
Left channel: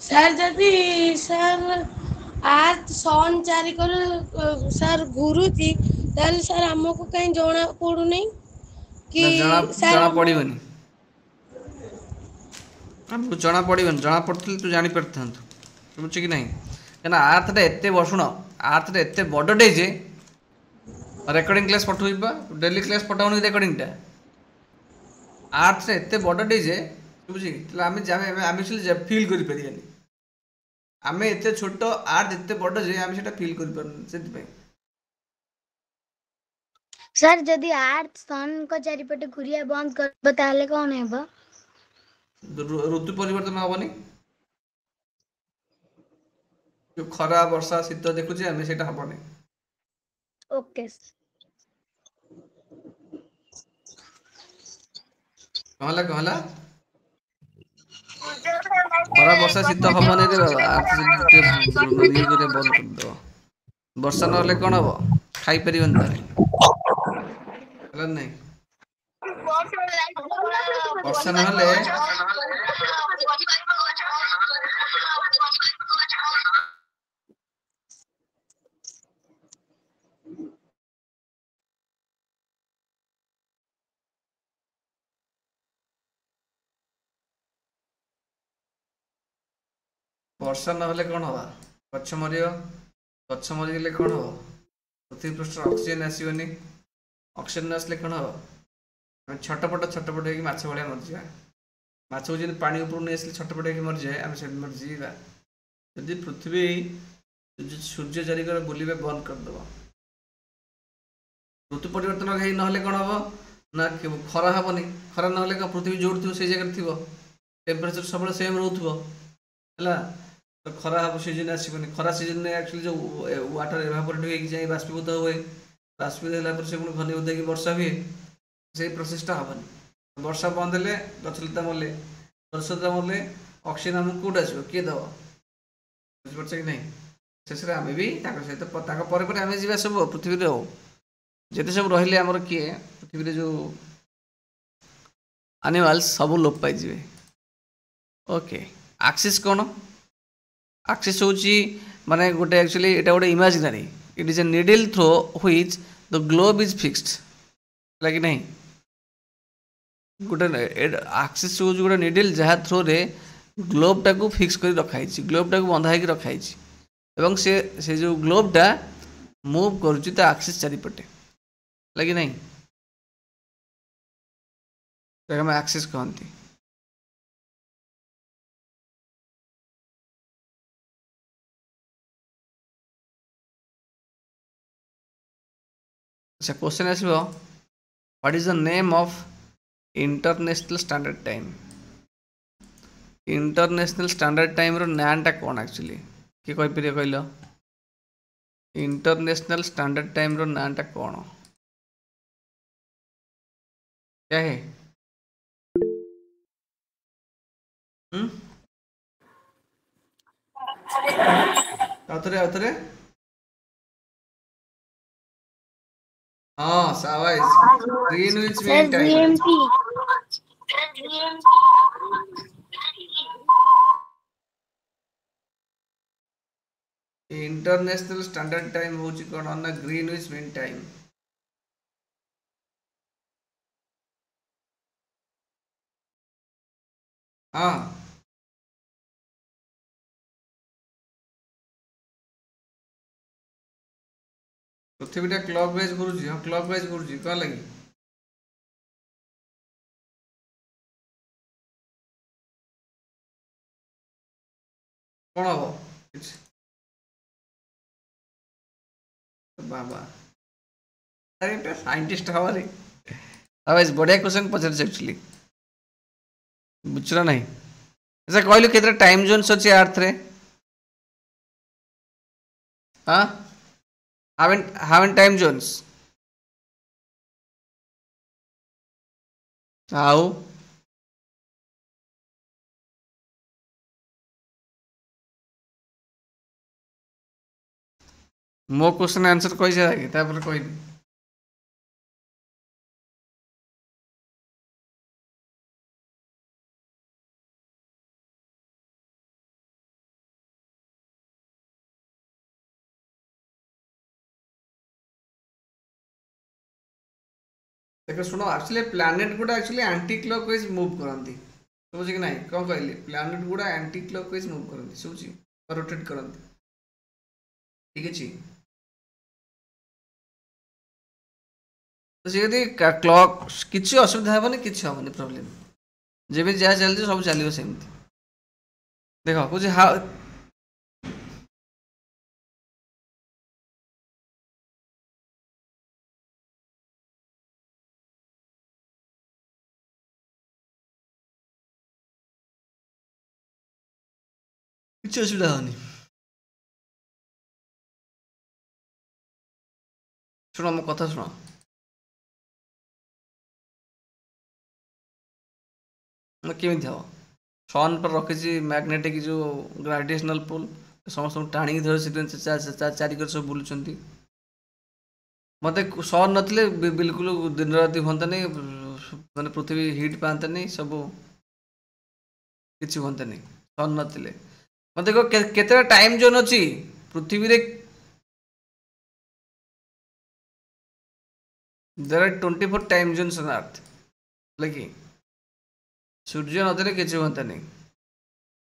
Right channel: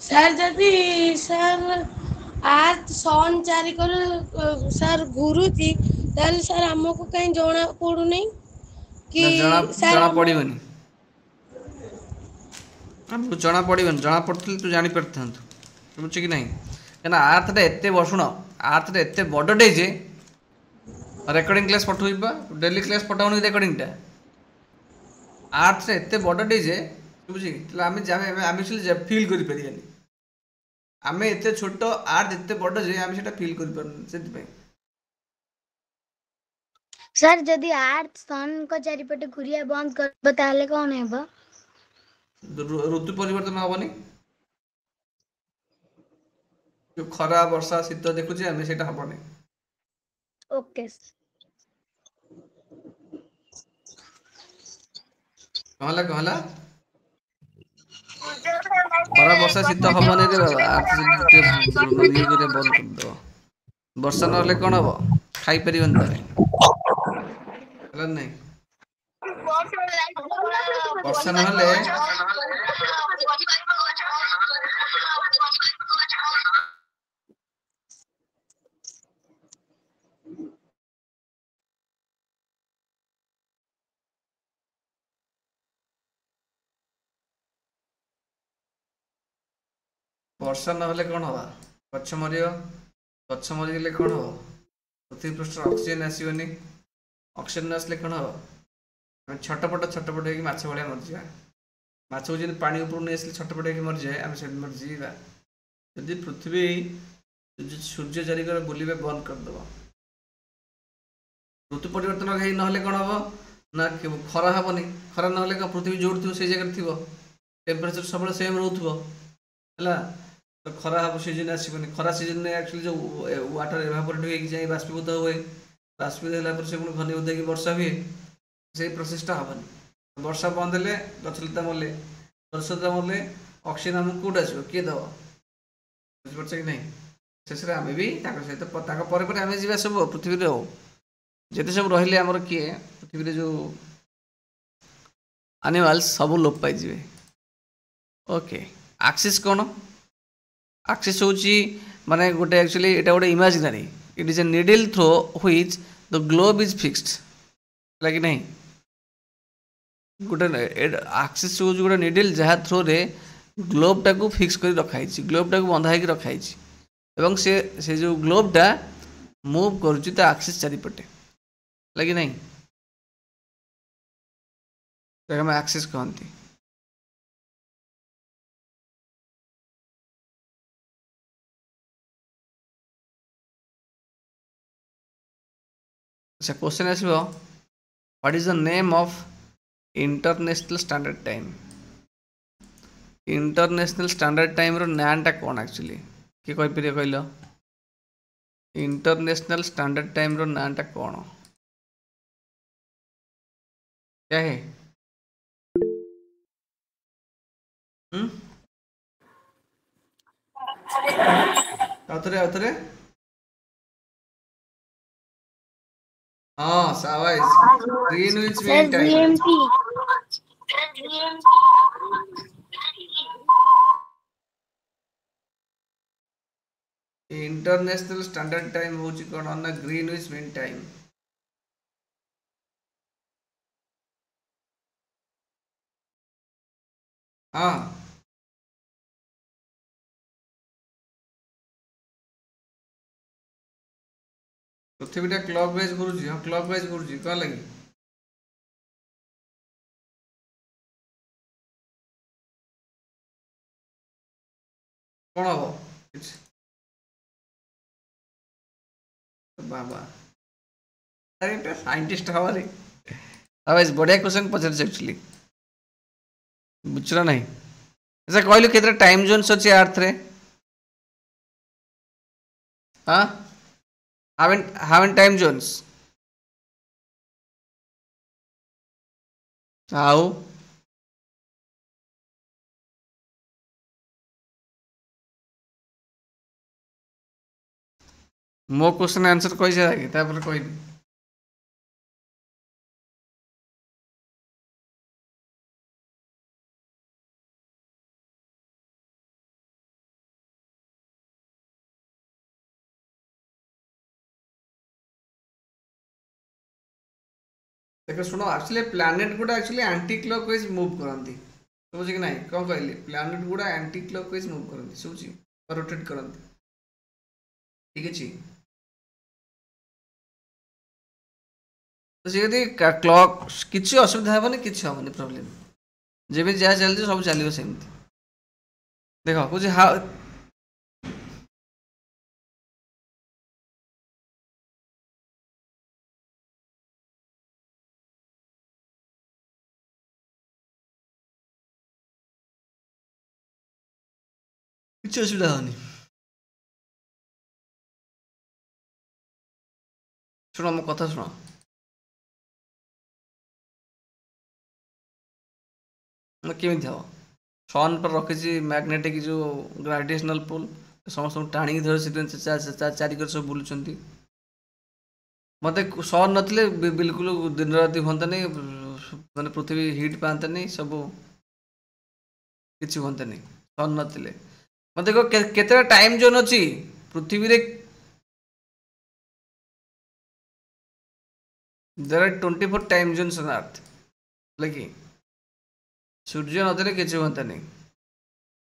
sir, ଯଦି sir ଆର୍ଥ ସନ୍ ଚାରିକର ସାର୍ ଘୁରୁଛି ତାହେଲେ ସାର୍ ଆମକୁ କାହିଁ ଜଣା ପଡୁନି କି ସାର୍ ଜଣା ପଡ଼ିବନି, ଆମକୁ ଜଣା ପଡ଼ିବନି, ଜଣା ପଡ଼ୁଥିଲେ ତୁ ଜାଣିପାରିଥାନ୍ତୁ, ବୁଝୁଛି କି ନାହିଁ? କାହିଁକିନା ଆର୍ଥଟା ଏତେ ଶୁଣ, ଆର୍ଥଟା ଏତେ ବଡ଼ଟେ ଯେ ରେକର୍ଡ଼ିଂ କ୍ଲାସ୍ ପଠାଇବା, ଡେଲି କ୍ଲାସ୍ ପଠାଉନି କି ରେକର୍ଡ଼ିଂଟା? ଆର୍ଥଟା ଏତେ ବଡ଼ଟେ ଯେ ବୁଝି, ତାହେଲେ ଆମେ ଫିଲ୍ କରିପାରିବାନି। ଆମେ ଏତେ ଛୋଟ, ଆର୍ଥ ଏତେ ବଡ଼ ଯେ ଆମେ ସେଟା ଫିଲ୍ କରିପାରୁନି। ସେଥିପାଇଁ ସାର୍ ଯଦି ଆର୍ଥ ସନ୍ ଙ୍କ ଚାରିପଟେ ଘୁରିବା ବନ୍ଦ କରିବ ତାହେଲେ କଣ ହେବ? ଋତୁ ପରିବର୍ତ୍ତନ ହବନି। ଯୋଉ ଖରା ବର୍ଷା ଶୀତ ଦେଖୁଛେ ଆମେ, ସେଇଟା ହବନି। ଓକେ। କଣ ହେଲା ଖରା ବର୍ଷା ଶୀତ ହବନି ରେ ବାବା, ଆର୍ଥ ଯଦି ଇଏ କରିବା ବନ୍ଦ କରିଦବ। ବର୍ଷା ନହେଲେ କଣ ହବ? ଖାଇପାରିବନି ତମେ, ହେଲା ନାଇଁ? ବର୍ଷା ନହେଲେ କଣ ହବ? ଗଛ ମରିବ, ଗଛ ମରିଗଲେ କଣ ହବ? ପୃଥିବୀ ପୃଷ୍ଠରେ ଅକ୍ସିଜେନ ଆସିବନି, ଅକ୍ସିଜେନ ନ ଆସିଲେ କଣ ହବ? ଆମେ ଛଟପଟ ହେଇକି ମାଛ ଭଳିଆ ମରିଯିବା। ମାଛକୁ ଯଦି ପାଣି ଉପରୁ ନେଇ ଆସିଲେ ଛଟପଟ ହେଇକି ମରିଯାଏ, ଆମେ ସେଠି ମରିଯିବା। ଯଦି ପୃଥିବୀ ସୂର୍ଯ୍ୟ ଚାରିକର ବୁଲିବା ବନ୍ଦ କରିଦବ, ଋତୁ ପରିବର୍ତ୍ତନ ହେଇ ନହେଲେ କଣ ହବ ନା ଖରା ହବନି। ଖରା ନହେଲେ କଣ ପୃଥିବୀ ଯୋଉଠି ଥିବ ସେଇ ଜାଗାରେ ଥିବ, ଟେମ୍ପରେଚର ସବୁବେଳେ ସେମ୍ ରହୁଥିବ, ହେଲା? ତ ଖରା ହବ, ସିଜନ ଆସିବନି। ଖରା ସିଜନରେ ଆକ୍ଚୁଆଲି ଯୋଉ ୱାଟର ଏଭାପୋରେଟ୍ ହେଇକି ଯାଇ ବାଷ୍ପୀଭୂତ ହୁଏ, ବାଷ୍ପୀଭୂତ ହେଲା ପରେ ସେ ପୁଣି ଘନୀଭୂତ ହେଇକି ବର୍ଷା ହୁଏ। ସେଇ ପ୍ରୋସେସଟା ହବନି। ବର୍ଷା ବନ୍ଦ ହେଲେ ଗଛଲତା ମଲେ, ଗଛଲତା ମଲେ ଅକ୍ସିଜେନ ଆମକୁ କୋଉଠି ଆସିବ? କିଏ ଦବ? ବୁଝିପାରୁଛ କି ନାହିଁ? ଶେଷରେ ଆମେ ବି ତାଙ୍କ ସହିତ, ତାଙ୍କ ପରେ ପରେ ଆମେ ଯିବା ସବୁ ପୃଥିବୀରେ। ଆଉ ଯେତେ ସବୁ ରହିଲେ ଆମର କିଏ ପୃଥିବୀରେ ଯୋଉ ଆନିମାଲ୍ସ ସବୁ ଲୋପ ପାଇଯିବେ। ଓକେ, ଆକ୍ସିସ୍ କଣ? ଆକ୍ସିସ୍ ହେଉଛି ମାନେ ଗୋଟେ ଆକ୍ଚୁଆଲି ଏଇଟା ଗୋଟେ imaginary, it is a needle through which the globe is fixed, ହେଲା କି ନାହିଁ? ଗୋଟେ ଆକ୍ସିସ୍ ହେଉଛି ଗୋଟେ ନିଡଲ୍ ଯାହା ଥ୍ରୋରେ ଗ୍ଲୋବ୍ଟାକୁ ଫିକ୍ସ କରି ରଖାହେଇଛି, ଗ୍ଲୋବ୍ଟାକୁ ବନ୍ଧା ହେଇକି ରଖାହେଇଛି, ଏବଂ ସେ ଯେଉଁ ଗ୍ଲୋବ୍ଟା ମୁଭ୍ କରୁଛି ତା ଆକ୍ସିସ୍ ଚାରିପଟେ, ହେଲା କି ନାହିଁ? ତାକୁ ଆମେ ଆକ୍ସିସ୍ କହନ୍ତି। ଆଚ୍ଛା, କ୍ୱେଶ୍ଚନ୍ ଆସିବ, what is the name of international standard time? International standard ଟାଇମ୍ର ନାଁଟା କ'ଣ ଆକ୍ଚୁଆଲି? କିଏ କହିପାରିବ କହିଲ? इंटरनेशनल स्टैंडर्ड टाइम रो नाटा कौन क्या है? आउतरे हाँ शाबाश, Greenwich mean time. International standard time होची कोन ना ग्रीनविच मीन टाइम। हाँ पृथ्वीटा क्लॉकवाइज घुरुची, हाँ क्लॉकवाइज घुरुची, कौन लगी कौन हम बाबा अरे साइंटिस्ट हमारे अब बढ़िया क्वेश्चन पचार एक्चुअली बुझल नहीं। अच्छा कहलु केतरा टाइम जोन्स अच्छे अर्थ रे? हाँ हावेन टाइम जोन्स आओ मो क्वेश्चन आंसर कही जाए तापर कही देखो शुण एक्चुअली प्लैनेट गुड़ा एक्चुअली एंटी क्लॉकवाइज मूव करती समझ कि नहीं कौन कहली प्लैनेट गुड़ा एंटी क्लॉकवाइज मूव करती समझ रोटेट करती ठीक अच्छे तो सी क्लॉक किसी असुविधा हेनी किसी हेनी प्रोब्लेम जब जहाँ चलती सब चलो सेमती देख कौन हाउ किसी असुविधा हेनी शुण मो कथा शुण केमी हम सन पर रखी मैग्नेटिक जो ग्रेविटेशनल पुल समस्त टाणी धर चारिकर सब बुलूं मत सन नथिले बिल्कुल दिन राति हंता नहीं माने पृथ्वी हिट पाता नहीं सब किसी हंता नहीं सन नथिले मत देखो केते टाइम जोन अच्छी पृथ्वी रे there are 24 time zones on earth लगी सूर्य नथिले किसी हंता नहीं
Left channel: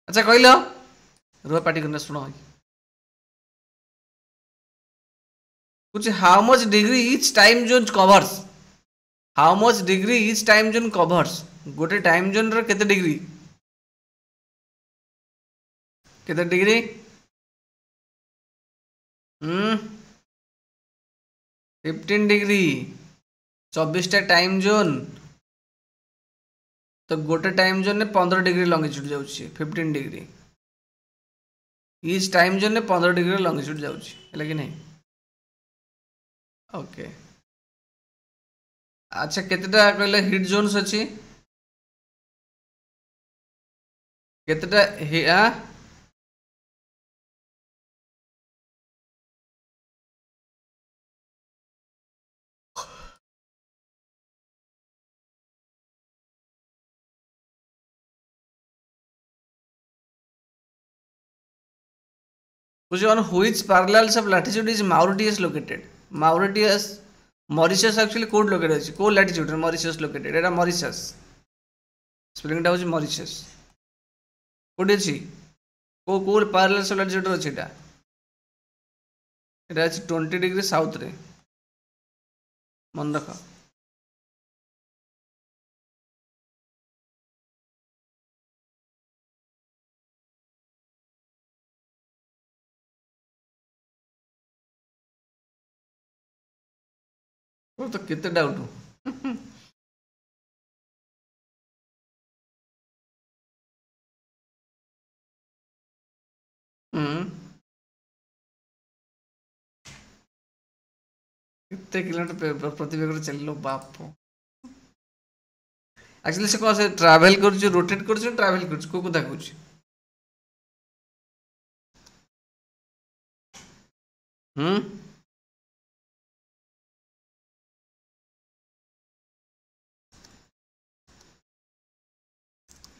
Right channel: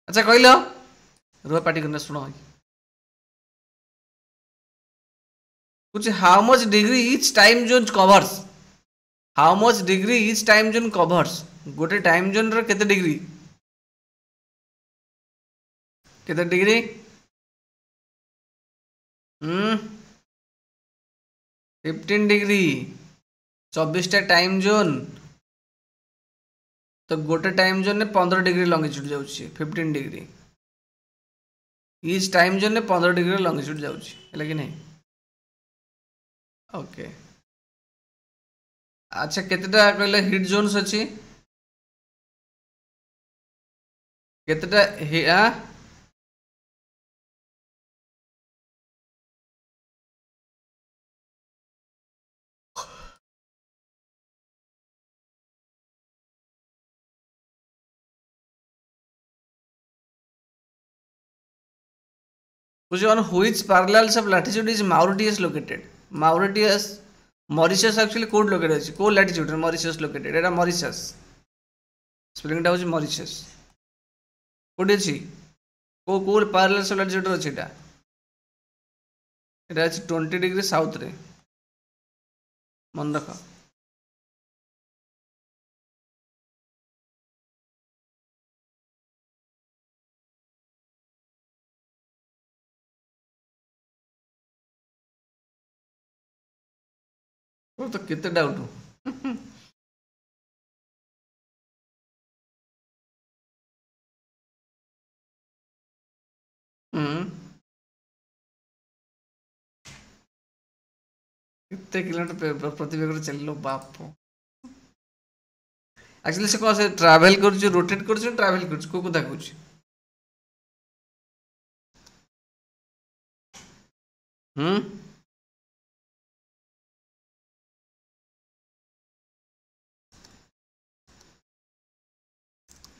अच्छा कहल रुआ पार्टी करना शुण कुछ how much degree each time zone covers how much degree each time zone covers गोटे टाइम जोन रे केते डिग्री केते डिग्री 15 डिग्री 24टा टाइम जोन तो गोटे टाइम जोन ने 15 डिग्री लंगिट्यूड जाउछि 15 डिग्री इच टाइम जोन ने 15 डिग्री लंगिट्यूड जाउछि है कि नहीं ओके अच्छा केतेटा कहले हिट जोन्स अछि केतेटा on which parallels of latitude is Mauritius located? Mauritius actually code located अछि को latitude रे Mauritius located एटा Mauritius स्पेलिंग टा होछि Mauritius कोड अछि को parallels of latitude अछि एटा अछि 20 डिग्री साउथ रे मन रख तो कितने डाउट कितने किलोमीटर प्रति बेगर चलो बाप एक्चुअली से कौन से ट्रैवल कर रोटेट कर ट्रैवल कर को कथा कहूँ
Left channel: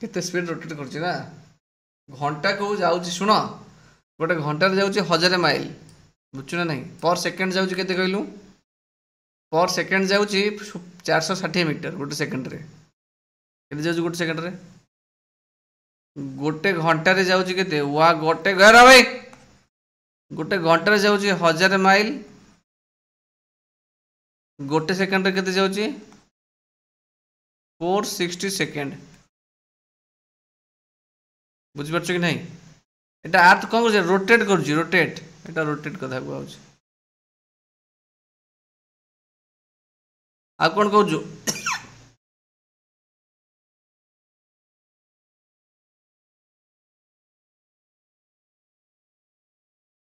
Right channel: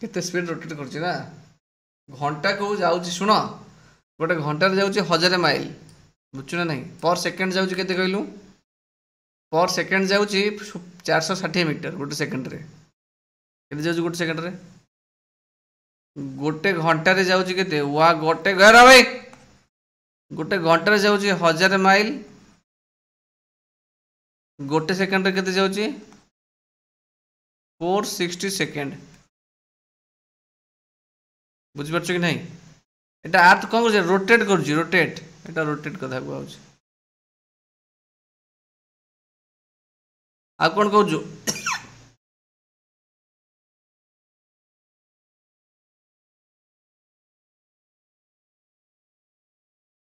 केते स्पीड रोटेट करछि ना घंटा को जाउछि सुनो गोटे घंटा जाउछि 1000 माइल बुझछु ना नहीं पर सेकंड जाउछि केते कहलु पर सेकंड जाउछि 460 मीटर गोटे सेकंड रे केते जाउछि गोटे सेकंड रे गोटे घंटा रे जाउछि केते वा गोटे घर भाई गोटे घंटा रे जाउछि 1000 माइल गोटे सेकंड रे केते जाउछि 460 सेकंड बुझिपार कि नहीं एटा अर्थ कौन कर रोटेट कर रोटेट एटा रोटेट कथा कहूँ आ कौन कहूँ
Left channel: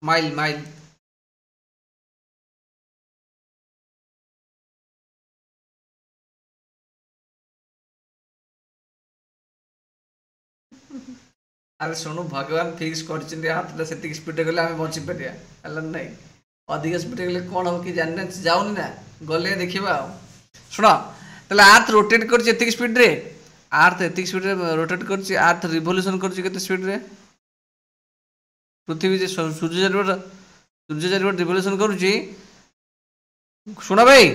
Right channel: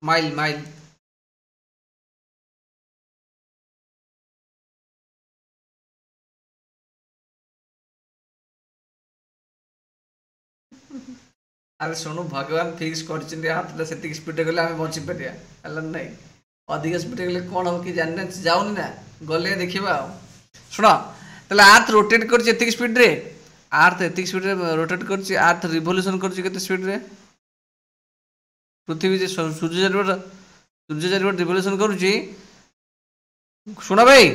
माइल माइल अरे शुणु भगवान फिक्स कर स्पीड गले आम बची पार ना अधिक स्पीड गले कौन हम कि जाने जाऊनी ना गले देखा शुण ताले अर्थ रोटेट कर स्पीड रे अर्थ एतिक स्पीड रे रोटेट कर अर्थ रिवोल्यूशन कर स्पीड रे पृथ्वी सूर्य चारिपट रिवोल्यूशन कर शुण भाई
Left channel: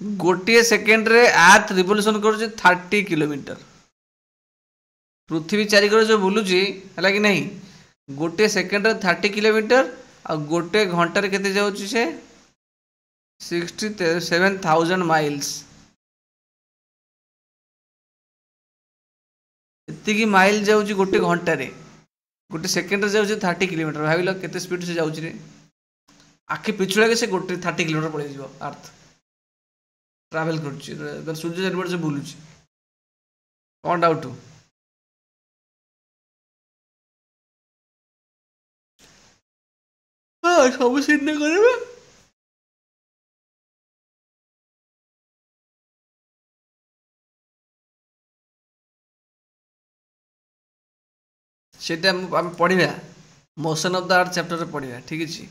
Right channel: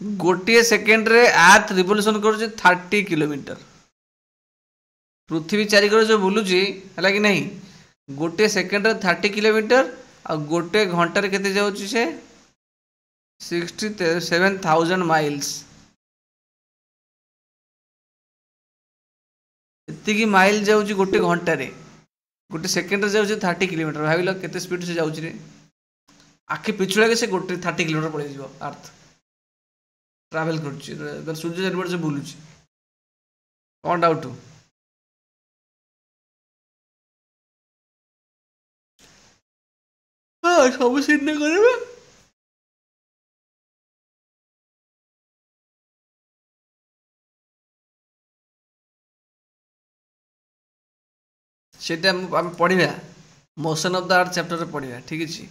गोटे सेकेंड रे अर्थ रिवोल्यूशन करुचे 30 किलोमीटर। पृथ्वी चारिकर जो बुलूची है कि नहीं गोटे सेकेंड रे 30 किलोमीटर आ गोटे घंटा रे केते जाउची से 67,000 माइल्स। एतिकी माइल जाउची गोटे घंटा रे, गोटे सेकेंड रे जाउची 30 किलोमीटर। भाविलो केते स्पीड से जाउची रे, आखि पिछुड़ा के से गोटे 30 किलोमीटर पड़े जीवो अर्थ ट्रैवल करुची सूर्य चारिपट से बुलूची। कौन डाउट? हाँ सब सीट नहीं करेगा। सेटा हम पढ़िबा motion of the earth chapter रे पढ़िबा। ठीक अछि।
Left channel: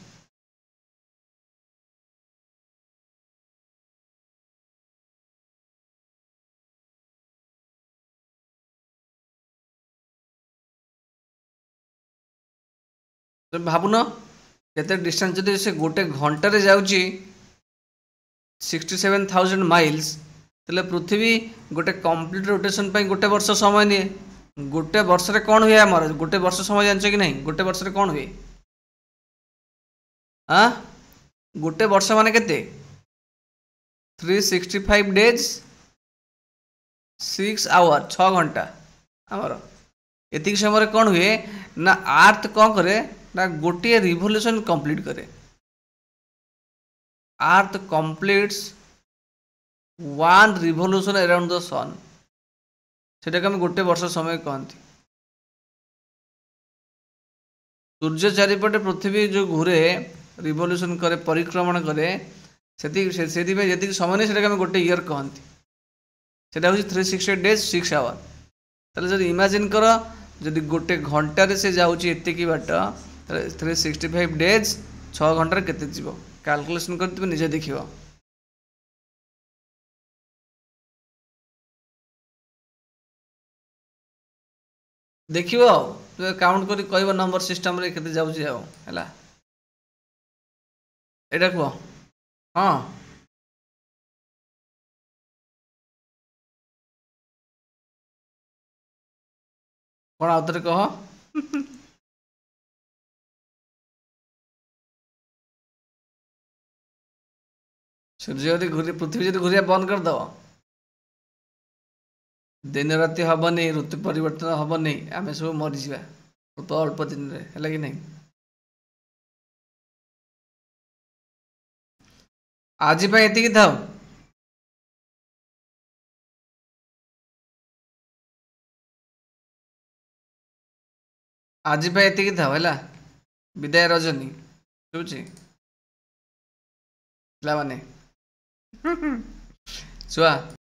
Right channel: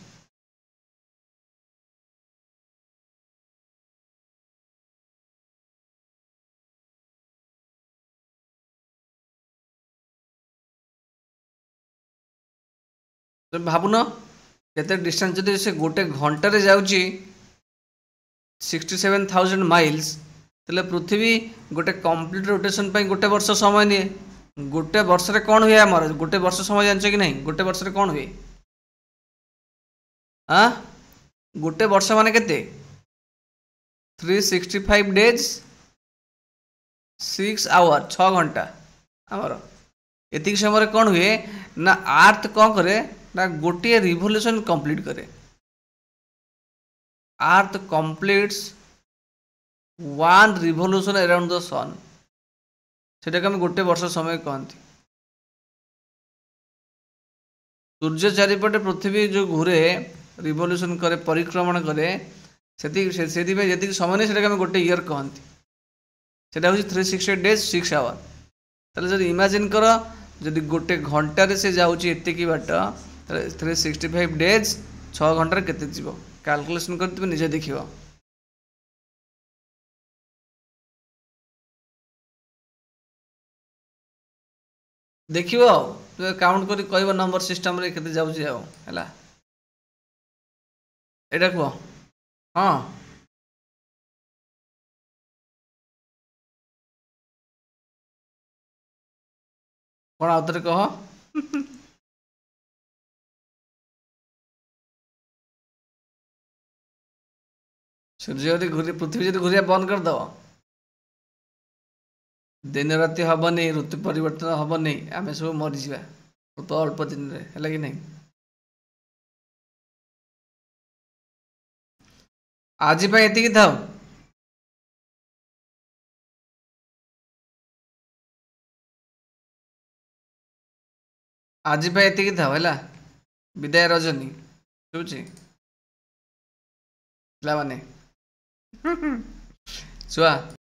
तो भाबुन केते डिस्टेंस जदि से गोटे घंटा रे जाउची 67,000 माइल्स तले पृथ्वी गोटे कंप्लीट रोटेशन पे गोटे वर्ष समय निये। गोटे वर्ष रे कौन हुए हमर गोटे वर्ष समय जानछ कि नहीं? गोटे वर्ष रे कौन हुए? हां गोटे वर्ष माने केते 365 डेज 6 आवर 6 घंटा। हमर एतिक समय कौन हुए ना अर्थ कौन करे ना गोटे रिवोल्यूशन कंप्लीट करे। अर्थ कंप्लीट्स 1 रिवोल्यूशन अराउंड द सन। सेटा हम गोटे वर्ष समय कहती। सूर्य चारिपटे पृथ्वी जो घूरे रिवोल्यूशन करे परिक्रमण करे से समय नहीं से गोटे इयर कहती। सेटा हूँ 368 डेज 6 आवर। ताले जब इमेजिन कर जदि गोटे घंटे से जाऊँगी एतिकी बाट 365 डेज 6 घंटे केते जीव कैलकुलेशन कर निजे देखियो। देखियो काउंट करी कहबो नंबर सिस्टम रे केते जाउची आ हला एटा को। हां कोन आउतरे कह। सूर्य यदि घूरी पृथ्वी यदि घूरिया बंद कर दो दिन राति हबनी ऋतु परिवर्तन हबनी आम सब मरीजा तो अल्प दिन रे है कि नहीं। आज ये था आज ये था है विदाय रजनी शुची माने छुआ